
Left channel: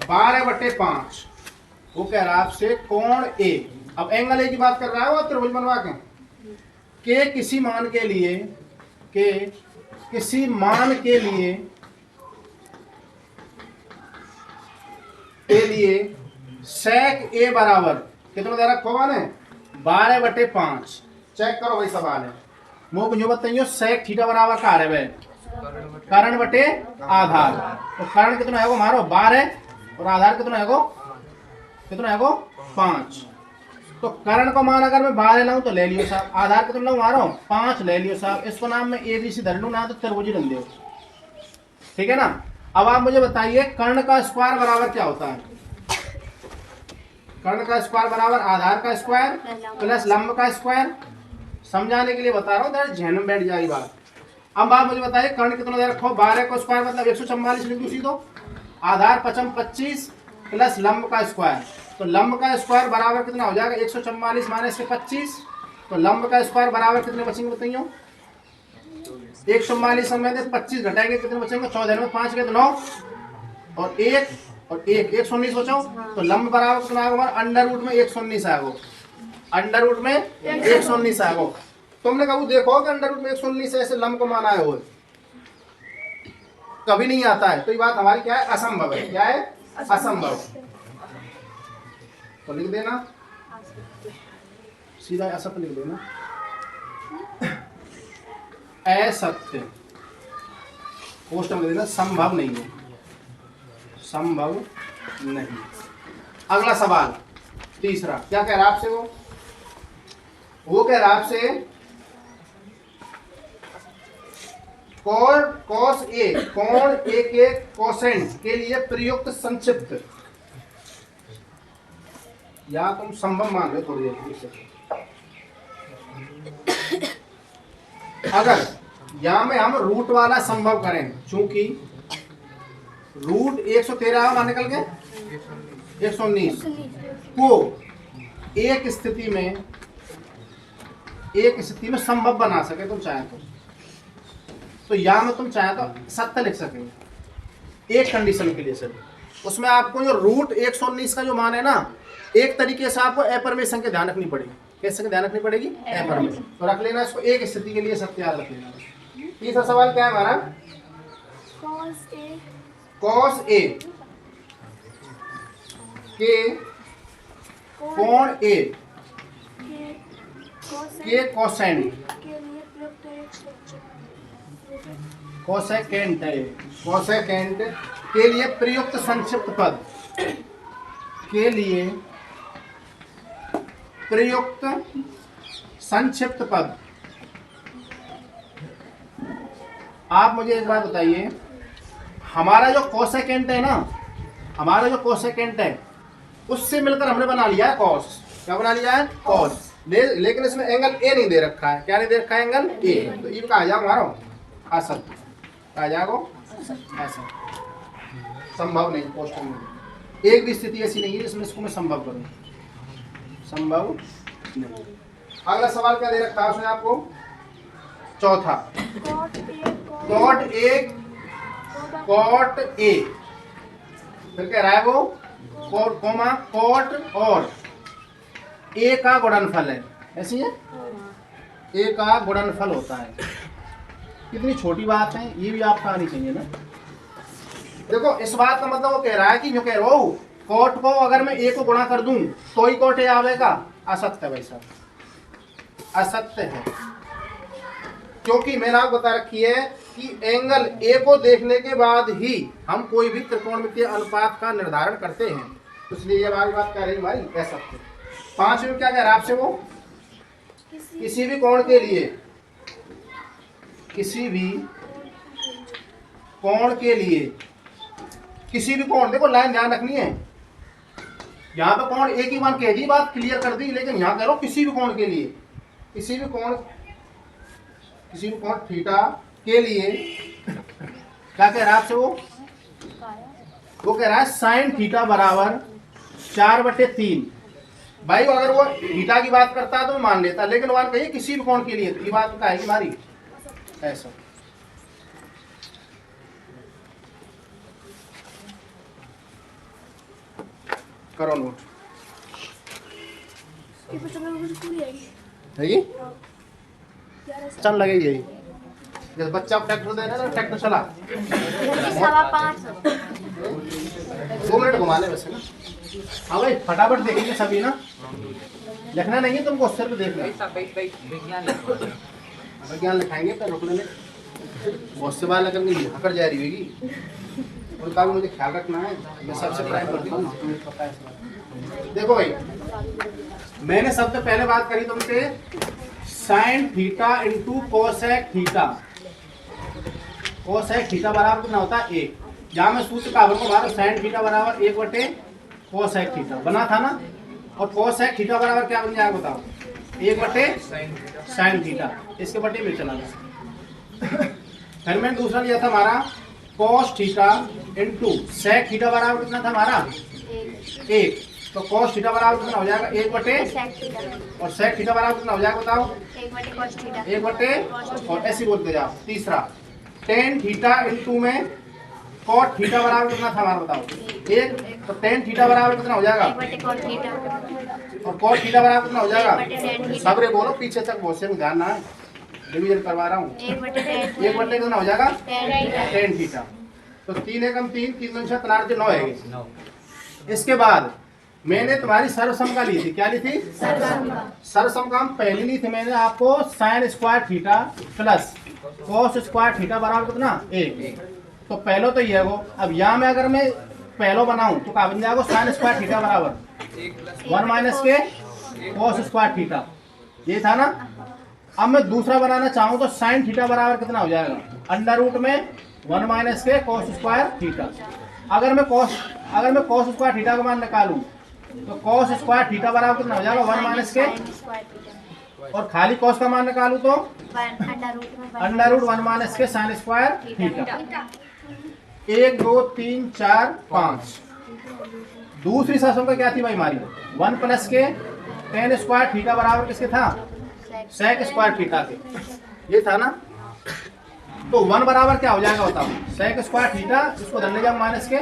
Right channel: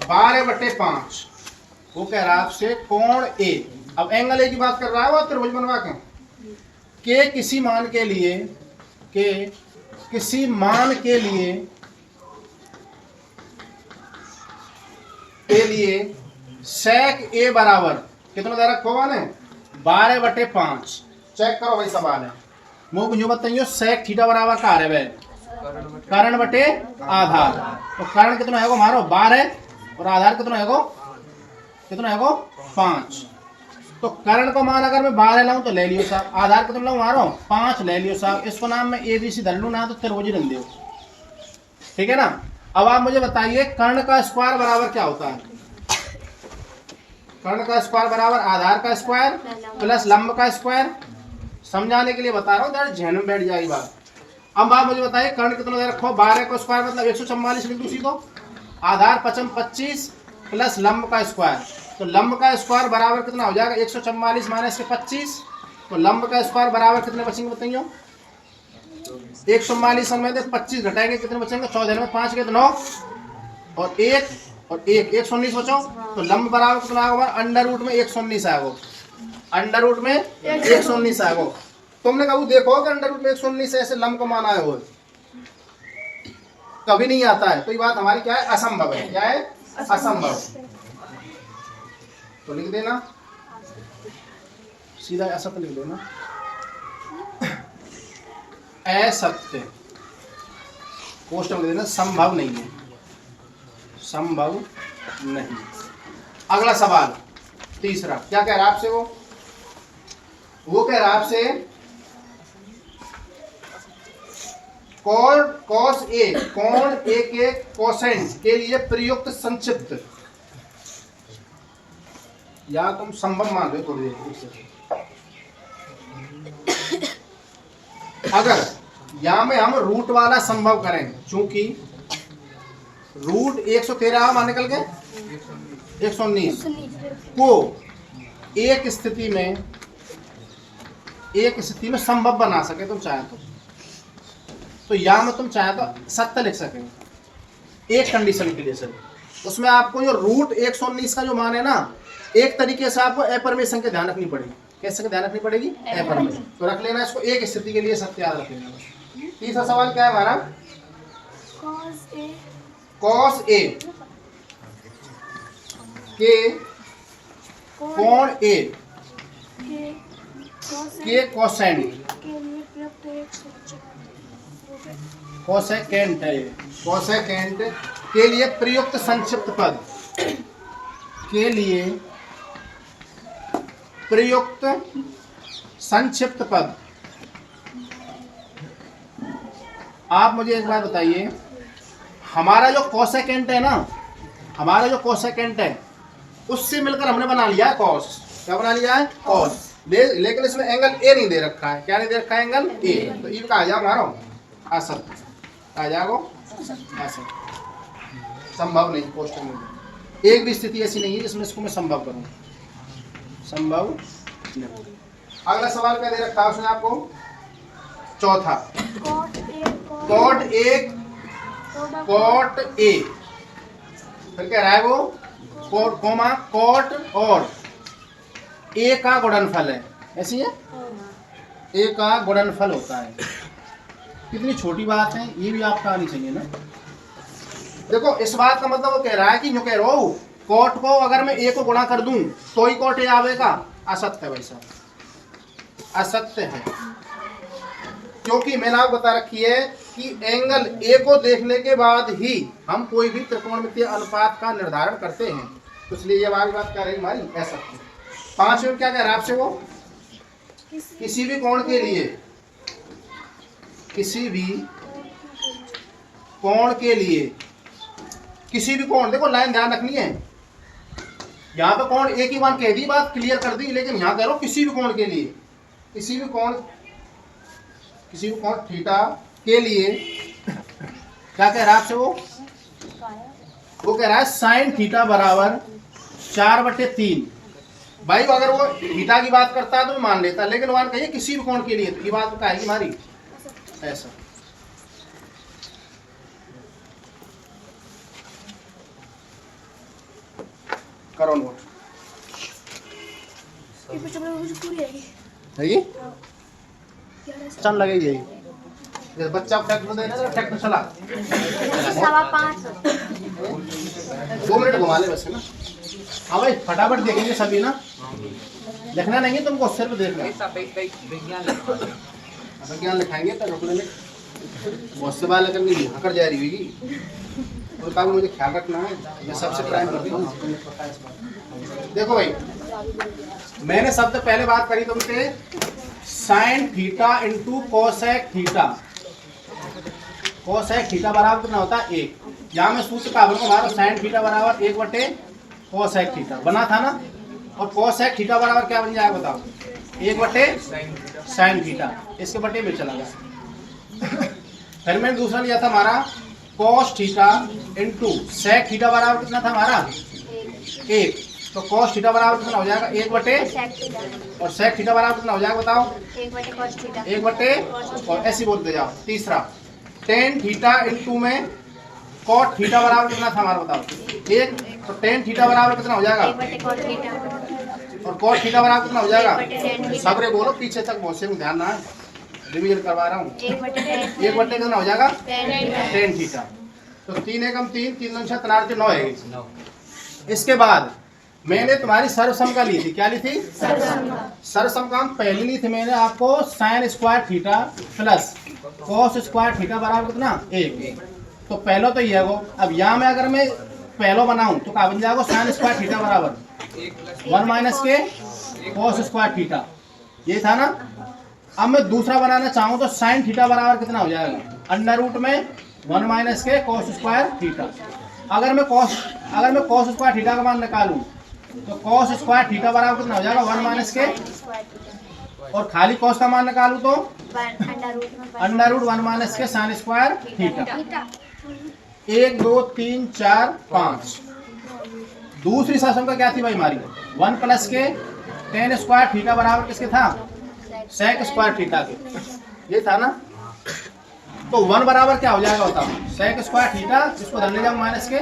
12/5। वो कह रहा है आपसे कोण ए, अब एंगल ए की बात कर रहा है वो त्रिभुज बनवा के किसी मान के लिए sec a बराबर कितना दे रखा हुआ है 12/5। चेक करो भाई सवाल है मुझे जो बताइए sec थीटा बराबर का है भाई कर्ण बटे आधार। तो कर्ण कितना है मारो 12 और आधार कितना है 5। तो कर्ण को मान अगर मैं 12 लाऊं तो ले लियो साहब, आधार कितना लाऊं मारो 5 ले लियो साहब। इसको नाम में ABC धर लूं ना तो त्रिभुज रख दो, ठीक है ना। अब आप मुझे बताइए कर्ण का स्क्वायर बराबर क्या होता है। कर्ण का स्क्वायर बराबर आधार का स्क्वायर प्लस लंब का स्क्वायर। समझाने के लिए बता रहा हूँ, ध्यान में बैठ जाएगी बात। अब आप मुझे बताइए कर्ण कितना दे रखो 12 का स्क्वायर मतलब 144 लिख दो सीधो, आधार 25 प्लस लंब का स्क्वायर। तो लंब का स्क्वायर बराबर कितना हो जाएगा 144 माइनस के 25। तो लंब का स्क्वायर बराबर कितने बचेंगे बताइए 144 में 25 घटाएंगे कितने बचेंगे 14 में 5 के तो 9 और 119 बचाओ। तो लंब बराबर कितना आएगा अंडर रूट में 119 आएगा, अंडर रूट में 119 आएगा। तुमने कभी देखो कि अंडर रूट में 119 ऐसे लंब को मान आए हुए कभी नहीं आता है। तो ये बात हमारी क्या है असंभव है, क्या है असंभव। तो लिख देना सीधा असत्य लिख देना असत्य क्वेश्चन लिख देना संभव नहीं है, संभव नहीं। अगला सवाल तीसरा क्या कह रहा है आपसे वो कह रहा है आपसे cos A कोण A के कोसेंट के लिए प्रयुक्त संक्षिप्त, या तुम संभव मान लो थोड़ी देर। अगर यहां में हम रूट वाला संभव करें चूंकि रूट 113 वहां निकल गए 119 को एक स्थिति में संभव बना सके तुम चाहे तो यहाँ में तुम चाहे तो सत्य लिख सकेंगे एक कंडीशन के लिए सर। उसमें आपको जो रूट 119 का जो मान है ना एक तरीके से आपको अपरमेशन के ध्यान रखनी पड़ेगी। कैसे ध्यान रखनी पड़ेगी अपरमेशन। तो रख लेना इसको एक स्थिति के लिए सत्य याद रख लेना। तीसरा सवाल क्या है हमारा cos A के कोण A के कोसेकेंट के लिए प्रयुक्त संक्षिप्त पद के लिए प्रयुक्त संक्षिप्त पद। आप मुझे एक बात बताइए हमारा जो कोसेकेंट है ना, हमारा जो कोसेकेंट है उससे मिलकर हमने बना लिया है कॉस। क्या बना लिया है कॉस, लेकिन इसमें एंगल ए नहीं दे रखा है। क्या नहीं दे रखा है एंगल ए। तो ये कहा जाओ हमारा असत्य, कहा जाओ असत्य, संभव नहीं। क्वेश्चन में एक भी स्थिति ऐसी नहीं है जिसमें इसको मैं संभव करूं, संभव नहीं। अगला सवाल क्या दे रखा है उसने आपको चौथा कॉट ए फिर कह रहा है वो कॉट और ए का गुणनफल है, ऐसी है ए का गुणनफल होता है। कितनी छोटी बात है ये भी आपको आनी चाहिए ना। देखो इस बात का मतलब वो कह रहा है कि जो कह रहा हूं कॉट को अगर मैं ए को गुणा कर दूं तो ही कॉट ए आवेगा। असत्य है भाई साहब, असत्य है। क्योंकि मैंने आपको बता रखी है कि एंगल ए को देखने के बाद ही हम कोई भी त्रिकोणमितीय अनुपात का निर्धारण करते हैं, इसलिए ये हमारी बात कह रही भाई ऐसा। 5 में क्या कह रहा है आपसे वो, किसी भी कोण के लिए, किसी भी कोण के लिए, किसी भी कोण, देखो लाइन ध्यान रखनी है, यहाँ पे कोण एक ही मान कह दी, बात क्लियर कर दी, लेकिन यहाँ कह रहा हूँ किसी भी कोण के लिए, किसी भी कोण थीटा के लिए क्या कह रहा है आपसे वो कह रहा है साइन थीटा बराबर 4/3। भाई अगर वो थीटा की बात करता है तो मैं मान लेता, लेकिन मान कहिए किसी भी कोण के लिए, तो ये बात क्या है हमारी ऐसा। करो नोट है ये चल लगेगी यही, जैसे बच्चा ट्रैक्टर देना ना, ट्रैक्टर चला 2 मिनट घुमा ले बस है ना। हाँ भाई फटाफट देखेंगे सभी ना, लिखना नहीं है तुमको, सिर्फ देखना। विज्ञान लिखाएंगे तो रुकने में बहुत से बार निकल गई, हकर जा रही होगी, उनका भी मुझे ख्याल रखना है, मैं सबसे प्राइम करता हूँ, पता है इस बात। देखो भाई मैंने सबसे पहले बात करी तुमसे sine theta into cosec theta, cosec theta बराबर कितना होता है 1। यहाँ मैं सूत्र का हमारा साइन थीटा बराबर 1/कोसेक थीटा बना था ना, और कोसेक थीटा बराबर क्या बन जाएगा बताओ 1/साइन थीटा, इसके बटे में चला गया। फिर मैंने दूसरा लिया था हमारा cos theta into sec theta बराबर कितना था हमारा 1, तो कॉस थीटा बराबर कितना हो जाएगा 1/, और सेक थीटा बराबर कितना हो जाएगा बताओ 1/, और ऐसे बोलते जाओ। तीसरा टेन थीटा इंटू में कॉट थीटा बराबर कितना था हमारा बताओ 1, तो टेन थीटा बराबर कितना हो जाएगा, और कॉट थीटा बराबर कितना हो जाएगा, सबरे बोलो पीछे तक बहुत से ध्यान ना है, रिवीजन करवा रहा हूँ। 1/, कितना हो जाएगा टेन थीटा, तो 3 एकम 3, 3 दूनी 6, 9 है। इसके बाद मैंने तुम्हारी सर्वसमका ली थी, क्या ली थी सर्वसमका पहली ली थी मैंने आपको sine square theta plus cos square theta बराबर कितना 1, तो पहलो तो ये है वो। अब यहाँ में अगर मैं पहलो बनाऊं तो क्या बन जाएगा साइन स्क्वायर थीटा बराबर 1 - के कॉस स्क्वायर थीटा, ये था ना। अब मैं दूसरा बनाना चाहूँ तो साइन थीटा बराबर कितना हो जाएगा √ में 1 - के कॉस स्क्वायर थीटा। अगर मैं कॉस स्क्वायर थीटा का मान निकालूं तो कॉस स्क्वायर थीटा बराबर कितना हो जाएगा 1 - के, और खाली कॉस का मान निकालूं तो √ 1 - के साइन स्क्वायर थीटा। 1 2 3 4 5। दूसरी सर्वसमका क्या थी भाई हमारी 1 + के टेन स्क्वायर थीटा बराबर किसके था सेक स्क्वायर थीटा के, ये था ना। तो 1 बराबर क्या हो जाएगा बताओ सेक स्क्वायर थीटा, इसको धर ले जाओ माइनस के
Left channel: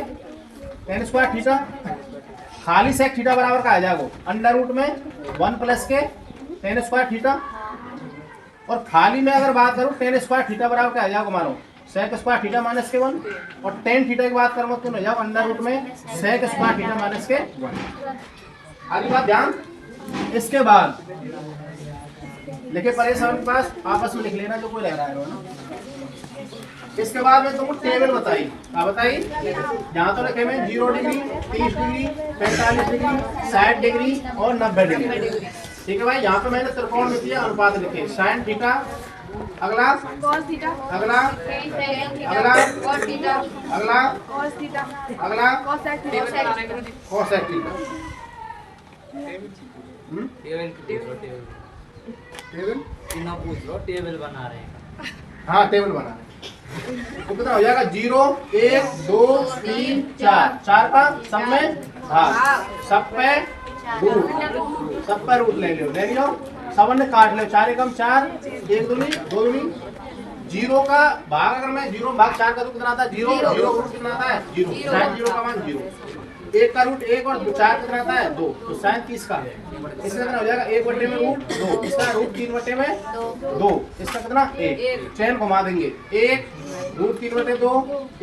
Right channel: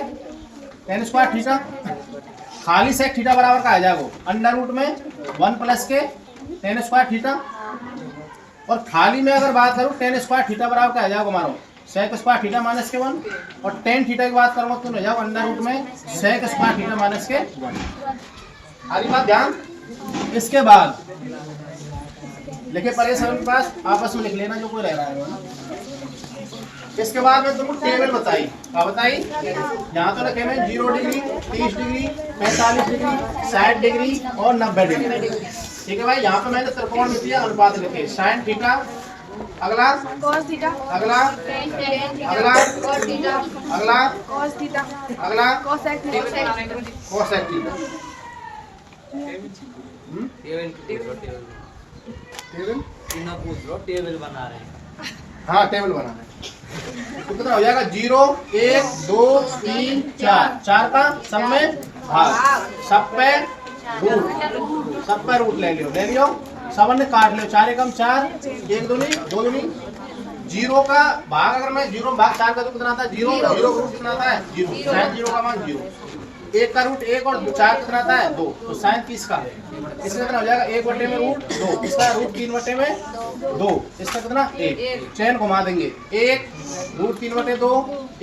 टेन स्क्वायर थीटा, खाली सेक थीटा बराबर का आ जाएगा √ में 1 + के टेन स्क्वायर थीटा, और खाली में अगर बात करूँ टेन स्क्वायर थीटा बराबर का आ जाएगा मानो सेक स्क्वायर थीटा -के 1, और टेन थीटा की बात करूँगा तो हो जाओ √ में सेक स्क्वायर थीटा -के 1। आगे बात ध्यान। इसके बाद लिखे परेशान के पास आपस में लिख लेना जो कोई रह रहा है ना। इसके बाद में तुमको टेबल बताई, क्या बताई यहाँ तो लिखे मैं 0 डिग्री 30 डिग्री 45 डिग्री 60 डिग्री और 90 डिग्री, ठीक है भाई। यहाँ पे मैंने त्रिकोणमितीय अनुपात लिखे साइन थीटा, अगला कॉस थीटा, अगला अगला अगला अगला कोसेक थीटा। टेबल बना रहे हैं, हाँ टेबल बना रहे हैं। तो कितना हो जाएगा 0 1 2 3 4 का सब में भाग, सब पे रूट ले लियो सब ने काट लो 4 एकम 4 1 दूनी 2 दूनी 0 का भाग, अगर मैं 0 भाग 4 का तो कितना आता है 0 0 का रूट कितना आता है 0, साइन 0 का मान 0, 1 का रूट 1 और 4 कितना आता है 2, तो साइन 30 का इसका कितना हो जाएगा 1/2 इसका रूट 3/2, इसका कितना 1, चैन घुमा देंगे 1 रूट 3/2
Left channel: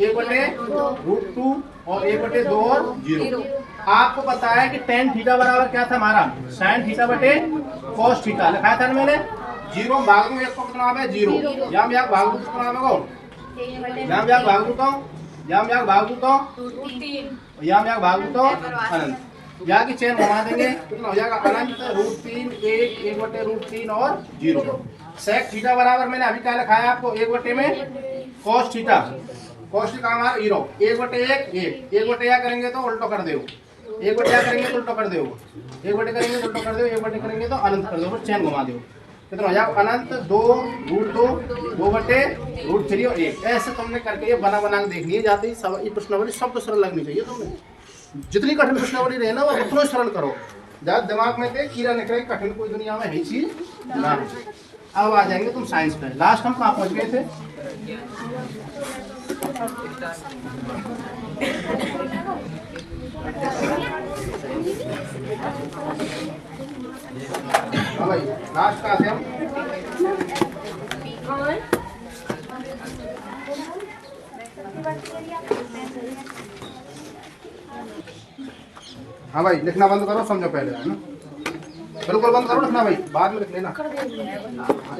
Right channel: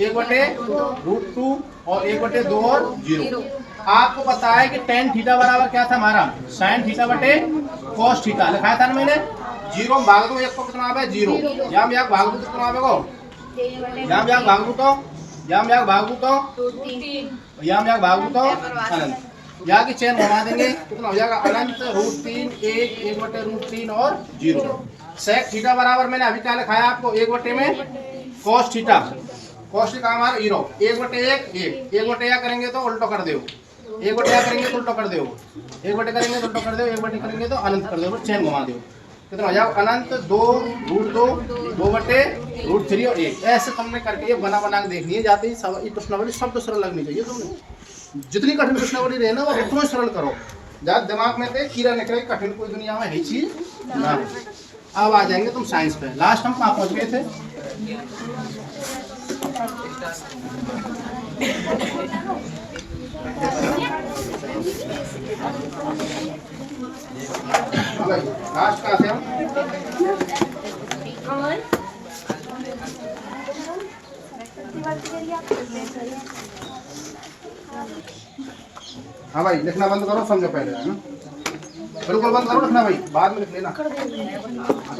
1/√2 और 1/2 और 0। आपको पता है कि टेन थीटा बराबर क्या था हमारा साइन थीटा बटे कॉस थीटा, लिखाया था ना मैंने जीरो में भाग दूं एक को कितना आवे 0, यहाँ में भाग दूं कितना आवे को, यहाँ में भाग दूं तो, यहाँ में भाग दूं तो, यहाँ में भाग दूं तो अनंत, यहाँ की चेन घुमा देंगे कितना हो जाएगा अनंत √3 1/√3 और 0। सेक थीटा बराबर मैंने अभी क्या लिखाया आपको 1 में cos थीटा, cos थीटा हमारा 0 1/1 करेंगे तो उल्टो कर दो, 1/1 करेंगे तो उल्टो कर दो, 1/1 करेंगे तो उल्टो कर दो, 1/1 करेंगे तो अनंत कर दो, फिर चेन घुमा दो कितना हो जाएगा अनंत 2√3 और 1। ऐसे तुमने करके ये बना के देखनी है, जाते ही ये प्रश्नावली शब्द सरल लगनी चाहिए। तुमने जितनी कठिन प्रश्नावली रहे ना वो उतना सरल करो, ज्यादा दिमाग में थे कीड़ा निकले कठिन कोई दुनिया में है चीज ना। अब आ जाएंगे तुम साइंस पे। लास्ट हम कहाँ पहुंच गए थे? भाई लास्ट कहाँ थे हम? हाँ भाई लिखना बंद करो, समझो पहले है ना, बिल्कुल बंद करो लिखना भाई, बाद में लिख लेना।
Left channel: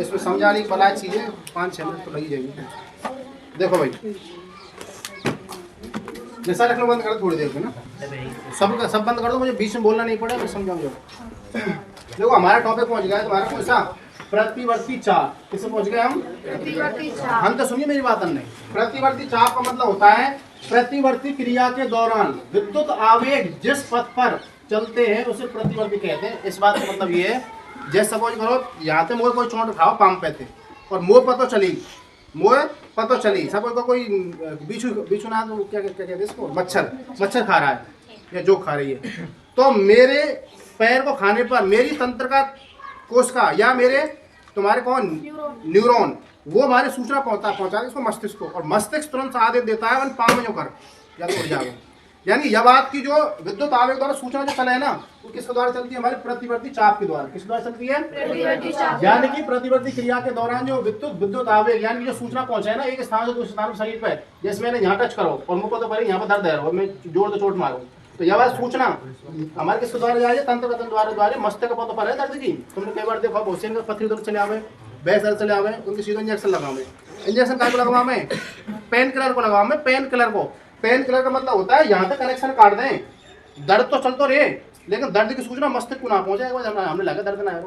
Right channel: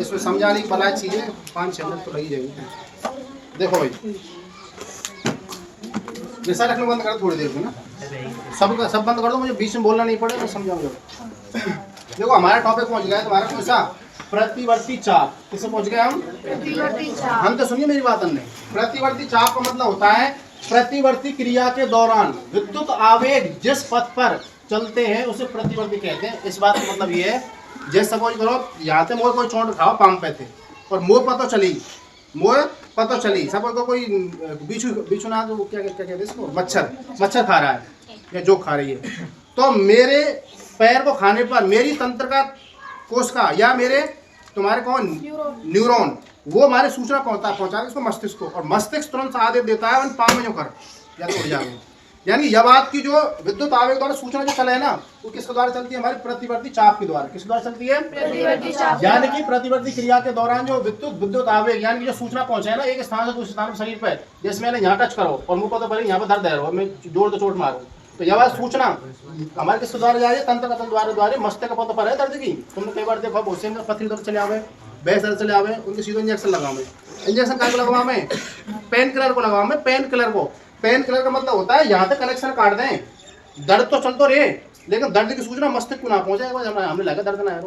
इसमें समझाने की बला चीजें 5-6 मिनट तो लगी जाएगी। देखो भाई जैसा रखना बंद कर थोड़ी देर में ना, सब बंद कर दो, मुझे बीच में बोलना नहीं पड़ेगा, मैं समझाऊंगा। देखो हमारा टॉपिक पहुंच गया है तुम्हारा कौन सा? प्रतिवर्ती चाप। किससे पहुंच गए हम? प्रतिवर्ती चाप। हम तो सुनिए मेरी बात नहीं, प्रतिवर्ती चाप का मतलब होता है प्रतिवर्ती क्रिया के दौरान विद्युत आवेग जिस पथ पर चलते हैं उसे प्रतिवर्ती कहते हैं। इस बात का मतलब ये है, जैसे सपोज करो यहाँ से मोह कोई चोट खाओ पाम पे थे और मोह पतो चली, सपोज को कोई बिच्छू ना तो क्या कहते हैं इसको, मच्छर खा रहा है या जोक खा रही है, तो मेरे पैर को खाने पर मेरी तंत्र का कोशिका या मेरे तुम्हारे कौन न्यूरॉन वो हमारे सूचना पहुंचा इसको मस्तिष्क को, और मस्तिष्क तुरंत आदेश देता है पाँव में जो कर या तो उड़ जाओ। यानी यह बात की जो विद्युत आवेग द्वारा सूचना जो चले है ना वो किसके द्वारा चलती है? हमारे प्रतिवर्ती चाप के द्वारा। किसके द्वारा चलती है? प्रतिवर्ती चाप। यानी कि प्रतिवर्ती क्रिया के दौरान जो विद्युत आवेग यानी जो सूचना पहुंचे है ना एक स्थान से दूसरे स्थान पर शरीर पे, जैसे मैंने यहाँ टच करो और मुझको तो पहले यहाँ पर दर्द है और मैं जोर से चोट मारूं, तो यह बात सूचना हमारे किसके द्वारा जा रही है? तंत्र कथन द्वारा मस्तिष्क पद पर है दर्द की। तुमने कई बार देखो बहुत से पथरी दर्द चले आवे, बैस दर्द चले आवे, उनके सीधे इंजेक्शन लगावे। इंजेक्शन काय को लगवा में? पेन किलर को लगवा में, पेन किलर को। पेन किलर का मतलब होता है यहाँ तक कनेक्शन काट दें, दर्द तो चलते रहे लेकिन दर्द की सूचना मस्तिष्क को ना पहुंचे। हमने लगा दर्द ना है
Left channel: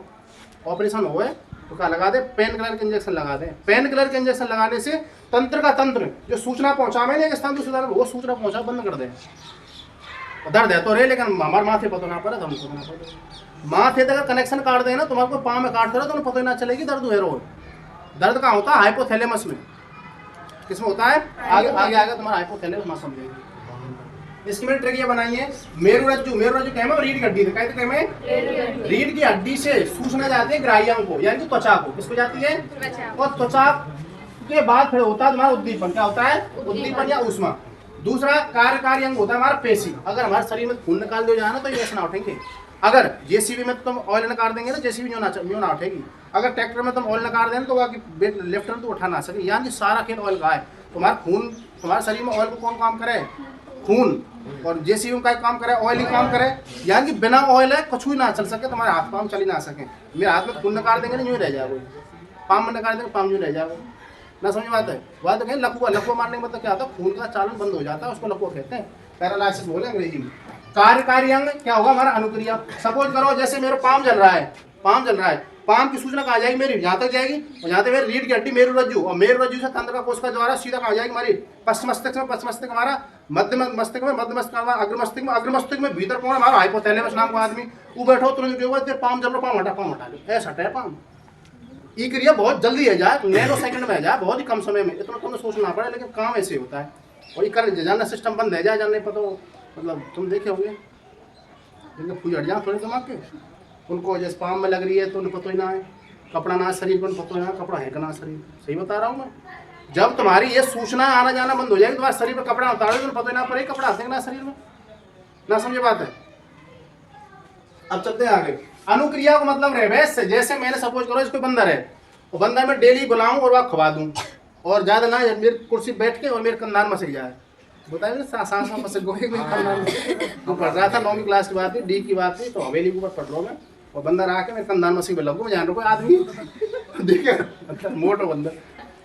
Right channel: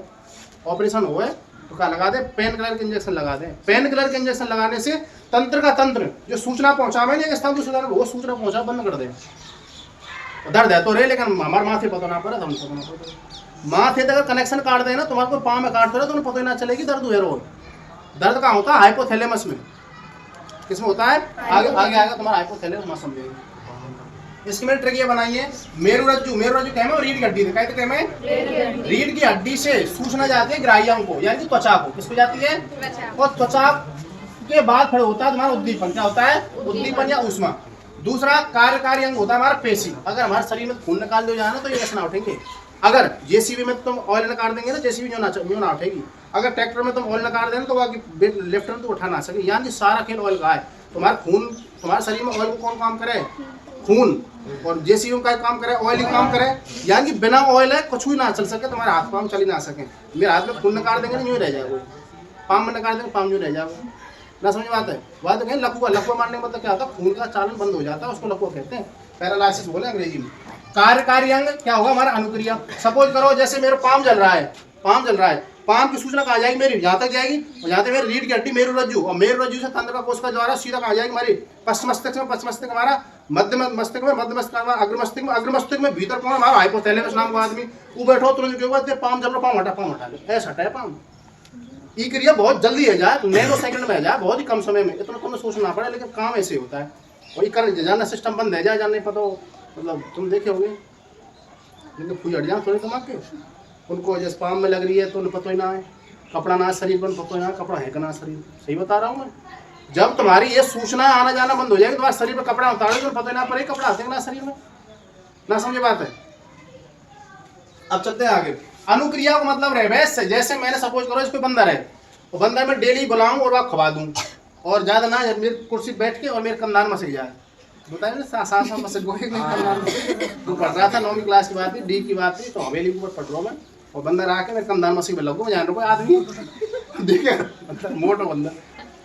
ऑपरेशन हो तो क्या लगा दे? पेन किलर के इंजेक्शन लगा दें। पेन किलर के इंजेक्शन लगाने से तंत्र का तंत्र जो सूचना पहुंचावे ना एक स्थान दूसरे स्थान वो सूचना पहुंचा बंद कर दें। दर्द है तो रे लेकिन हमारे माथे पता ना पड़े, हम पता ना पड़े। माथे तक अगर कनेक्शन काट देना तुम्हारे को पाँव में काटते रहो तो पता ही ना चलेगी दर्द हुए रोज। दर्द कहाँ होता है? हाइपोथैलेमस में। किसमें होता है? आगे तुम्हारा हाइपोथैलेमस में समझेगी। इसकी मैंने ट्रिक ये बनाई है, मेरुरज्जु क्या है? रीढ़ की हड्डी है, कहते हैं रीढ़ की हड्डी से सूचना जाती है ग्राह्य अंग को यानी कि त्वचा को। किसको जाती है? और त्वचा के बाद फिर होता है तुम्हारा उद्दीपन। क्या होता है? उद्दीपन या ऊष्मा। दूसरा कार्यकारी अंग होता है हमारा पेशी। अगर हमारे शरीर में खून निकाल दिया जाए ना तो ये ऐसा ना उठेंगे। अगर जेसीबी में तुम ऑयल निकाल देंगे तो जेसीबी यूँ ना उठेगी। अगर ट्रैक्टर में तुम ऑयल निकाल देंगे तो वो लेफ्ट में तो उठा ना सके। यानी सारा खेल ऑयल का है। तुम्हारा खून तुम्हारे शरीर में ऑयल को कौन काम करे? खून। और जेसीबी का काम करे ऑयल ही काम करे। यानी कि बिना ऑयल है कुछ भी ना चल सके, तुम्हारे हाथ पाँव चल ही ना सके। मेरे हाथ में खून निकाल देंगे ना यूँ रह जाएगा, पाँव में निकाल देंगे पाँव यूँ रह जाएगा ना। समझ बात है? बात कहें लकवा मारने का मतलब क्या होता है? खून का चालन बंद हो जाता है, उसको लकवा कहते हैं, पैरालाइसिस बोले अंग्रेजी में। कार्यकारी अंग क्या होगा? हमारा अनुक्रिया। सपोज करो जैसे मेरा पाँव जल रहा है, पाँव की सूचना कहाँ जाएगी? मेरी यहाँ तक जाएगी और यहाँ तक मेरी रीढ़ की हड्डी मेरुरज्जु, और मेरुरज्जु से तंत्र का कोशिका द्वारा सीधा कहाँ जाएगी? हमारी पश्चिम मस्तिष्क में, पश्चिम मस्तिष्क हमारा मध्य मस्तिष्क में, मध्य मस्तिष्क हमारा अग्र मस्तिष्क में भीतर कौन? हमारा हाइपोथैलेमस नाम का आदमी। वो बैठो तुरंत क्यों होगा? पाँव जल रहा, पाँव हटा लो, ऐसा हटा है पाँव। ये क्रिया बहुत जल्दी है जाए, नैनो सेकंड में है जाए, बहुत ही कम समय में। इतना तुम्हें सोचना पड़े लेकिन काम ऐसे होता है। और ये कर जाना सिस्टम बंद है जाए, जानने पता मतलब तुम देखे होंगे जिनके फूल हट जाए थोड़े दिमाग के, उनको जैसे पाम में लग रही है तो उन्हें पता ही ना है, कपड़ा ना शरीर पर पता ही ना, कपड़ा है कि ना शरीर। सही बता रहा हूँ मैं। जब तुम्हारी ये सूचना आना जाना बंद हो जाएगी, तुम्हारे शरीर पर कपड़ा उतारोगे तो पता ही ना पड़े कपड़ा आते ना शरीर में। ना समझे बात है? अब चलते हैं आगे। अनुक्रिया को मतलब रहे वैसे जैसे मैंने सपोज करो इसको बंदर है, तो बंदर में डेली बुलाऊं और वह खवा दूं, और ज्यादा ना मेरी कुर्सी बैठ के और मेरे कंधान में सही जाए। बताइए ना सांस में से गोहे में कंधान में पढ़ रहा था, 9वीं क्लास की बात थी, डी की बात थी, तो हवेली के ऊपर पढ़ रहा हूँ मैं, और बंदर आके मेरे कंधान में सही लगू मैं जान रहा कोई आदमी देखिए बंदर मोटो बंदर।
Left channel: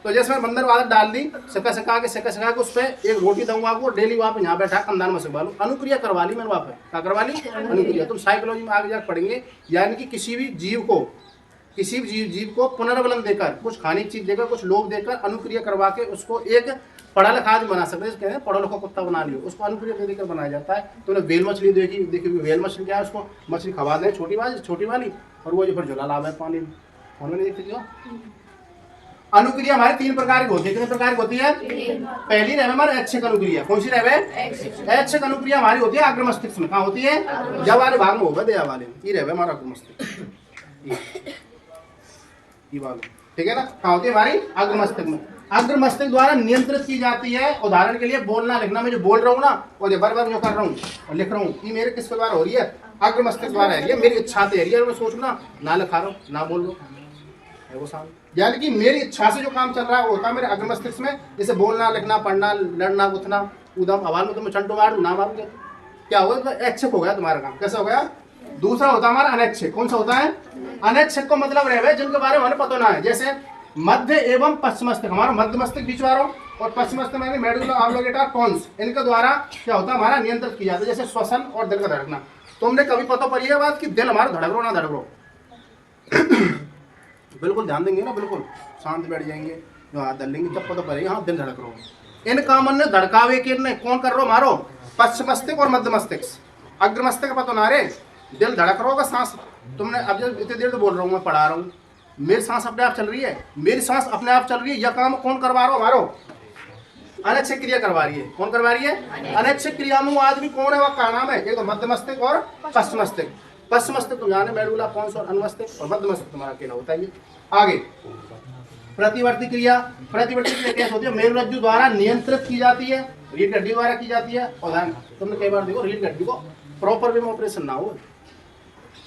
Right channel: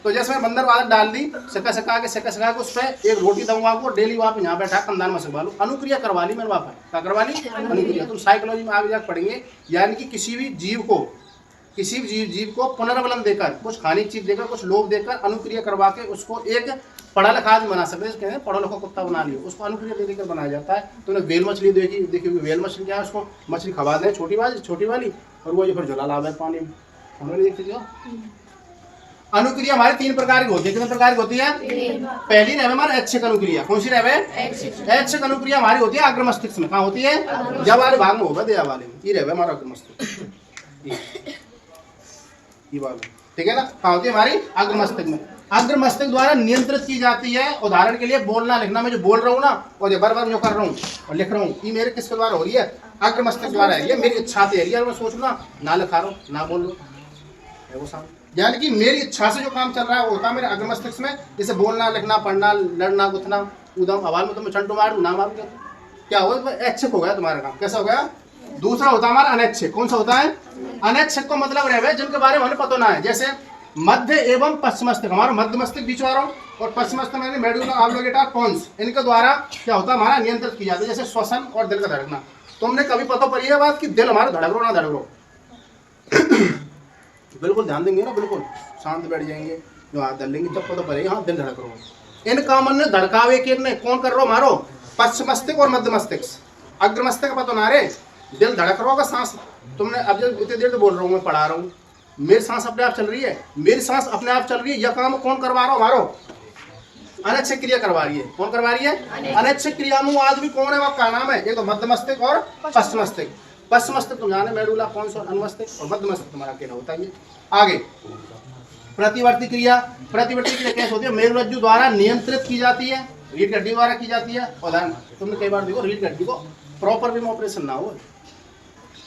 तो जैसे मैं बंदर आदत डाल दी, सका के उस पर एक रोटी दूंगा आपको डेली, वहाँ पे यहाँ बैठा कंधान में सकवा लो, अनुक्रिया करवा ली मैंने वहाँ पर। क्या करवा ली? अनुक्रिया। तुम साइकोलॉजी में आगे जाकर पढ़ेंगे, यानी कि किसी भी जीव को पुनर्बलन देकर, कुछ खाने की चीज देकर, कुछ लोभ देकर अनुक्रिया करवा के उसको एक पढ़ा लिखा आदमी बना सकते हैं। कहते हैं पढ़ो लिखो कुत्ता बना लियो, उसको अनुक्रिया दे देकर बनाया जाता है। तो वेल मछली देखी वेल मछली क्या है, उसको मछली खवा दें छोटी वाली, और वो जो फिर झोला लावे पानी में, नहीं देखते हो। अनुक्रिया हमारे 3 प्रकार की होती है। कितने प्रकार की होती है? पहली रहे हमारे ऐच्छिक अनुक्रिया। कौन सी रहे? ऐच्छिक अनुक्रिया हमारी होती है अग्र मस्तिष्क में। कहाँ होती है? जब वाले भाग में होगा, दया वाले में। ये रहे हमारा अग्र मस्तिष्क, ठीक है ना। कहाँ होती है? हमारी अग्र मस्तिष्क में। अग्र मस्तिष्क द्वारा नियंत्रित की जाती है। उदाहरण के लिए बोलना लिखना, मैं जो बोल रहा हूँ ना, और बार जो कर रहा हूँ और लिख रहा हूँ, ये मेरे किसके द्वारा हो रही है? अग्र मस्तिष्क द्वारा है। ये मेरी इच्छा से है। मैं सोच ना लिखा रहा हूँ, ना बोल रहा हूँ, वो शांत, यानी कि मेरी इच्छा से जो काम चल रहा है वो होता है मेरे अग्र मस्तिष्क में। जैसे बोलना लिखना पढ़ना लड़ना गुथना उदम आवाज में, तो मैं चंटू मारू ना मारू, क्या हुआ? ऐच्छिक हो गया तुम्हारा काम। कैसा हो गया? दूसरा होता है हमारा अनैच्छिक। कौन सा होता है? अनैच्छिक को मतलब रहे जिनके बारे में हमें पता ना है। जैसे मध्य एवं पश्चिम मस्तिष्क, हमारा मध्य मस्तिष्क बीच वालों और पश्चिम मस्तिष्क में मेडुला ऑब्लिंगेटा पॉन्स, इनके द्वारा क्या होता है? हमारा नियंत्रित किया जाता है। जैसे श्वसन और दिल का धड़कना। तुमने कभी पता पड़ी है बात कि दिल हमारा धड़क रो ना धड़क रो? बिल्कुल ध्यान देंगे ना, बिल्कुल शांत बैठ जाएंगे, जो हाथ डाल लेंगे तब पता पड़ेगा हाँ दिल धड़क रहा। इन कामन ने धड़कावे के ने कौन कर रहा मारो? पश्चिम मस्तिष्क और मध्य मस्तिष्क। अग्र मस्तिष्क पता ना रे, दिल धड़क रहा होगा, सांस तुमने अब जब इतनी देर से बोल रहा हूँ, मैं पढ़ा रहा हूँ, मेरी सांस अपने आप चल रही है, मेरी सांस अपने आप चल रही है। यह काम कौन करवा रहा हो? मारो अनैच्छिक क्रिया करवा रही है। कौन करवा रही है? अनैच्छिक क्रिया में वो आदमी कौन है? वह का नाम है एक तो मध्य मस्तिष्क और पश्चिम मस्तिष्क। पश्चिम मस्तिष्क तुम जाने मेडुला पॉन्स और अनुमस्तिष्क, और मध्य मस्तिष्क तुम्हारा अकेला होता है। आगे प्रतिवर्ती क्रिया। प्रतिवर्ती क्रिया कैसे होती है? मेरुरज्जु द्वारा नियंत्रित की जाती है, रीढ़ की हड्डी द्वारा की जाती है। और तुमने कई बार देखो रीढ़ की हड्डी को प्रॉपर वे में ऑपरेशन ना हो,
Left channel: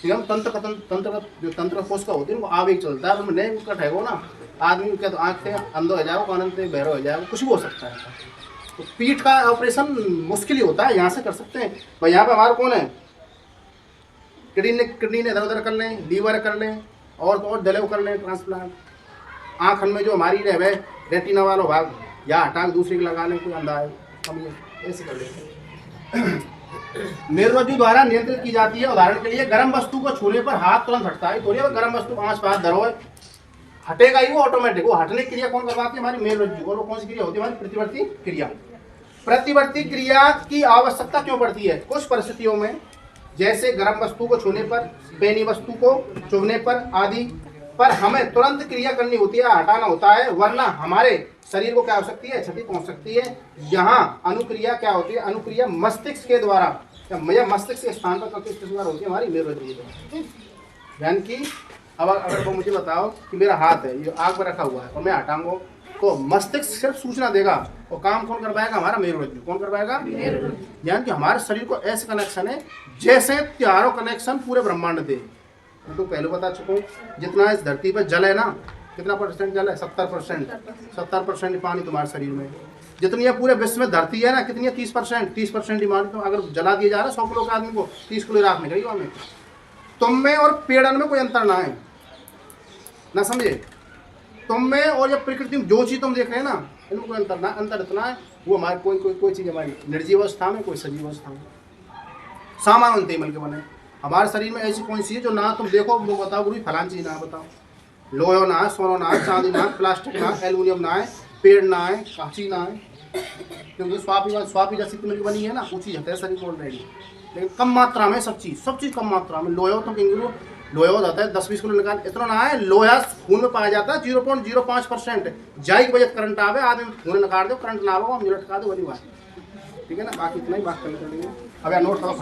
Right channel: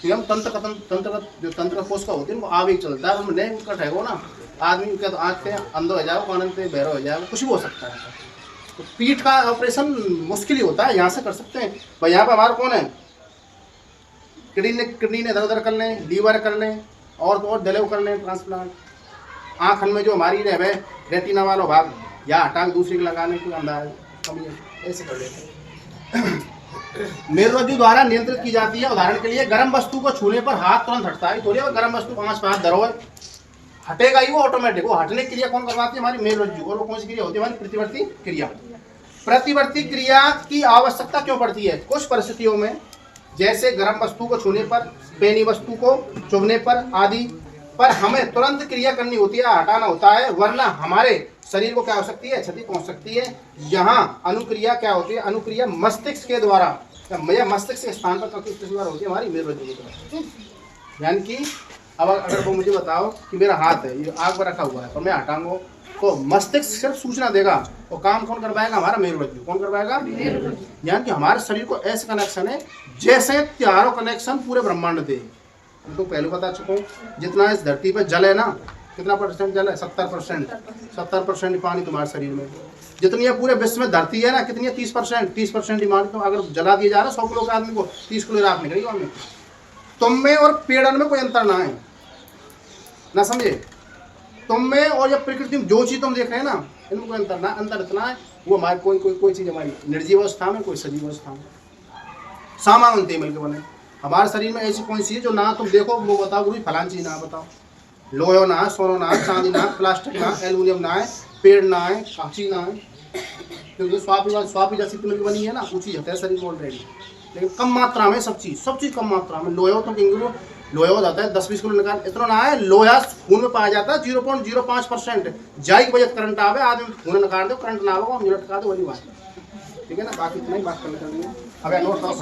हम तंत्र कोष का होती है, वो आवेग चलता है, नहीं कट है वो ना आदमी क्या, तो आँख से अंधो हो जाएगा, कानन से बहरा हो जाएगा, कुछ भी हो सकता है। तो पीठ का ऑपरेशन मुश्किल ही होता है, यहाँ से कर सकते हैं भाई। यहाँ पे हमारा कौन है? किडनी ने इधर उधर कर लें, लीवर कर लें, और दलेव कर लें, ट्रांसप्लांट। आँख में जो हमारी रहे रेटिना वाला भाग या हटा के दूसरी लगा लें, कोई अंदाज कमी है, ऐसे कर लेते हैं। मेरुरज्जु द्वारा नियंत्रित की जाती है। उदाहरण के लिए गर्म वस्तु को छूने पर हाथ तुरंत हटता है। थोड़ी गर्म वस्तु को आंच पर हाथ धरो हटेगा ही वो ऑटोमेटिक। वो हटने की क्रिया कौन करवाती है? हमारी मेरुरज्जु। और वो कौन सी क्रिया होती है? हमारी प्रतिवर्ती क्रिया। प्रतिवर्ती क्रिया की आवश्यकता क्यों पड़ती है? कुछ परिस्थितियों में, जैसे गर्म वस्तु को छूने पर, पैनी वस्तु को चुभने पर आदि पर हमें तुरंत क्रिया करनी होती है, हटाना होता है, वरना हमारे शरीर को क्या हो सकती है? क्षति पहुंच सकती है। यहाँ अनुक्रिया क्या होती है? अनुक्रिया मस्तिष्क के द्वारा, मस्तिष्क के स्थान पर किस द्वारा होती है? हमारी मेरुरज्जु के द्वारा। यानी कि अब अगर वो मुझे बताओ कि मेरा हाथ है, ये आग पर रखा हुआ है और मैं हटाऊंगा, तो मस्तिष्क सिर्फ सूचना देगा और काम कौन करवाएगा? हमारा मेरुरज्जु। कौन करवाएगा? यानी कि हमारे शरीर को ऐसे कनेक्शन है जैसे चारों कनेक्शन पूरे ब्रह्मांड दे। मैं तो पहले बता चुका हूँ, जितना इस धरती पर जल है ना, कितना परसेंट जल है? 70%। 70% पानी तुम्हारे शरीर में। जितनी है पूरे विश्व में धरती है ना, कितनी है? 30%। 30% पानी तो अगर जला दिया जा रहा है 100 किलो के आदमी को, 30 किलो राख निकलेगी हमें। तुम में और पेड़न में कोई अंतर ना है, ना समझे? तुम में और ये प्रकृति में जो चीज़ तुम देख रहे हैं ना, इनमें कोई अंतर ना। अंतर इतना है वो हमारी कोई चीज़ हमारी निर्जीव अवस्था में, कोई सजीव अवस्था में। सामान मिल के बने। हमारे शरीर में ऐसी कौन सी है जो ना तुम देखो वो बताओ गुरु फलान चीज़ ना बताओ? लोहो ना है, सोनो ना है, चांदी ना है, प्लास्टिक ना है, एल्यूमिनियम ना है, पेड़ ना है, कांची ना है, क्योंकि स्वापी जैसी मिल बनी है ना, वो चीज़ है शरीर में ऑलरेडी, लेकिन कम मात्रा में। सब चीज़ कम मात्रा में। लोहे तुम कहेंगे लोहा हो जाता है 10-20 किलो निकाल, इतना ना है। लोहा खून में पाया जाता है 0.05%। जाई की वजह करंट आवे, आदमी खून निकाल दो, करंट ना आवे, हम लटका दो, वही बात। ठीक है ना, बाकी इतना ही बात कर लेंगे। अगर नोट हो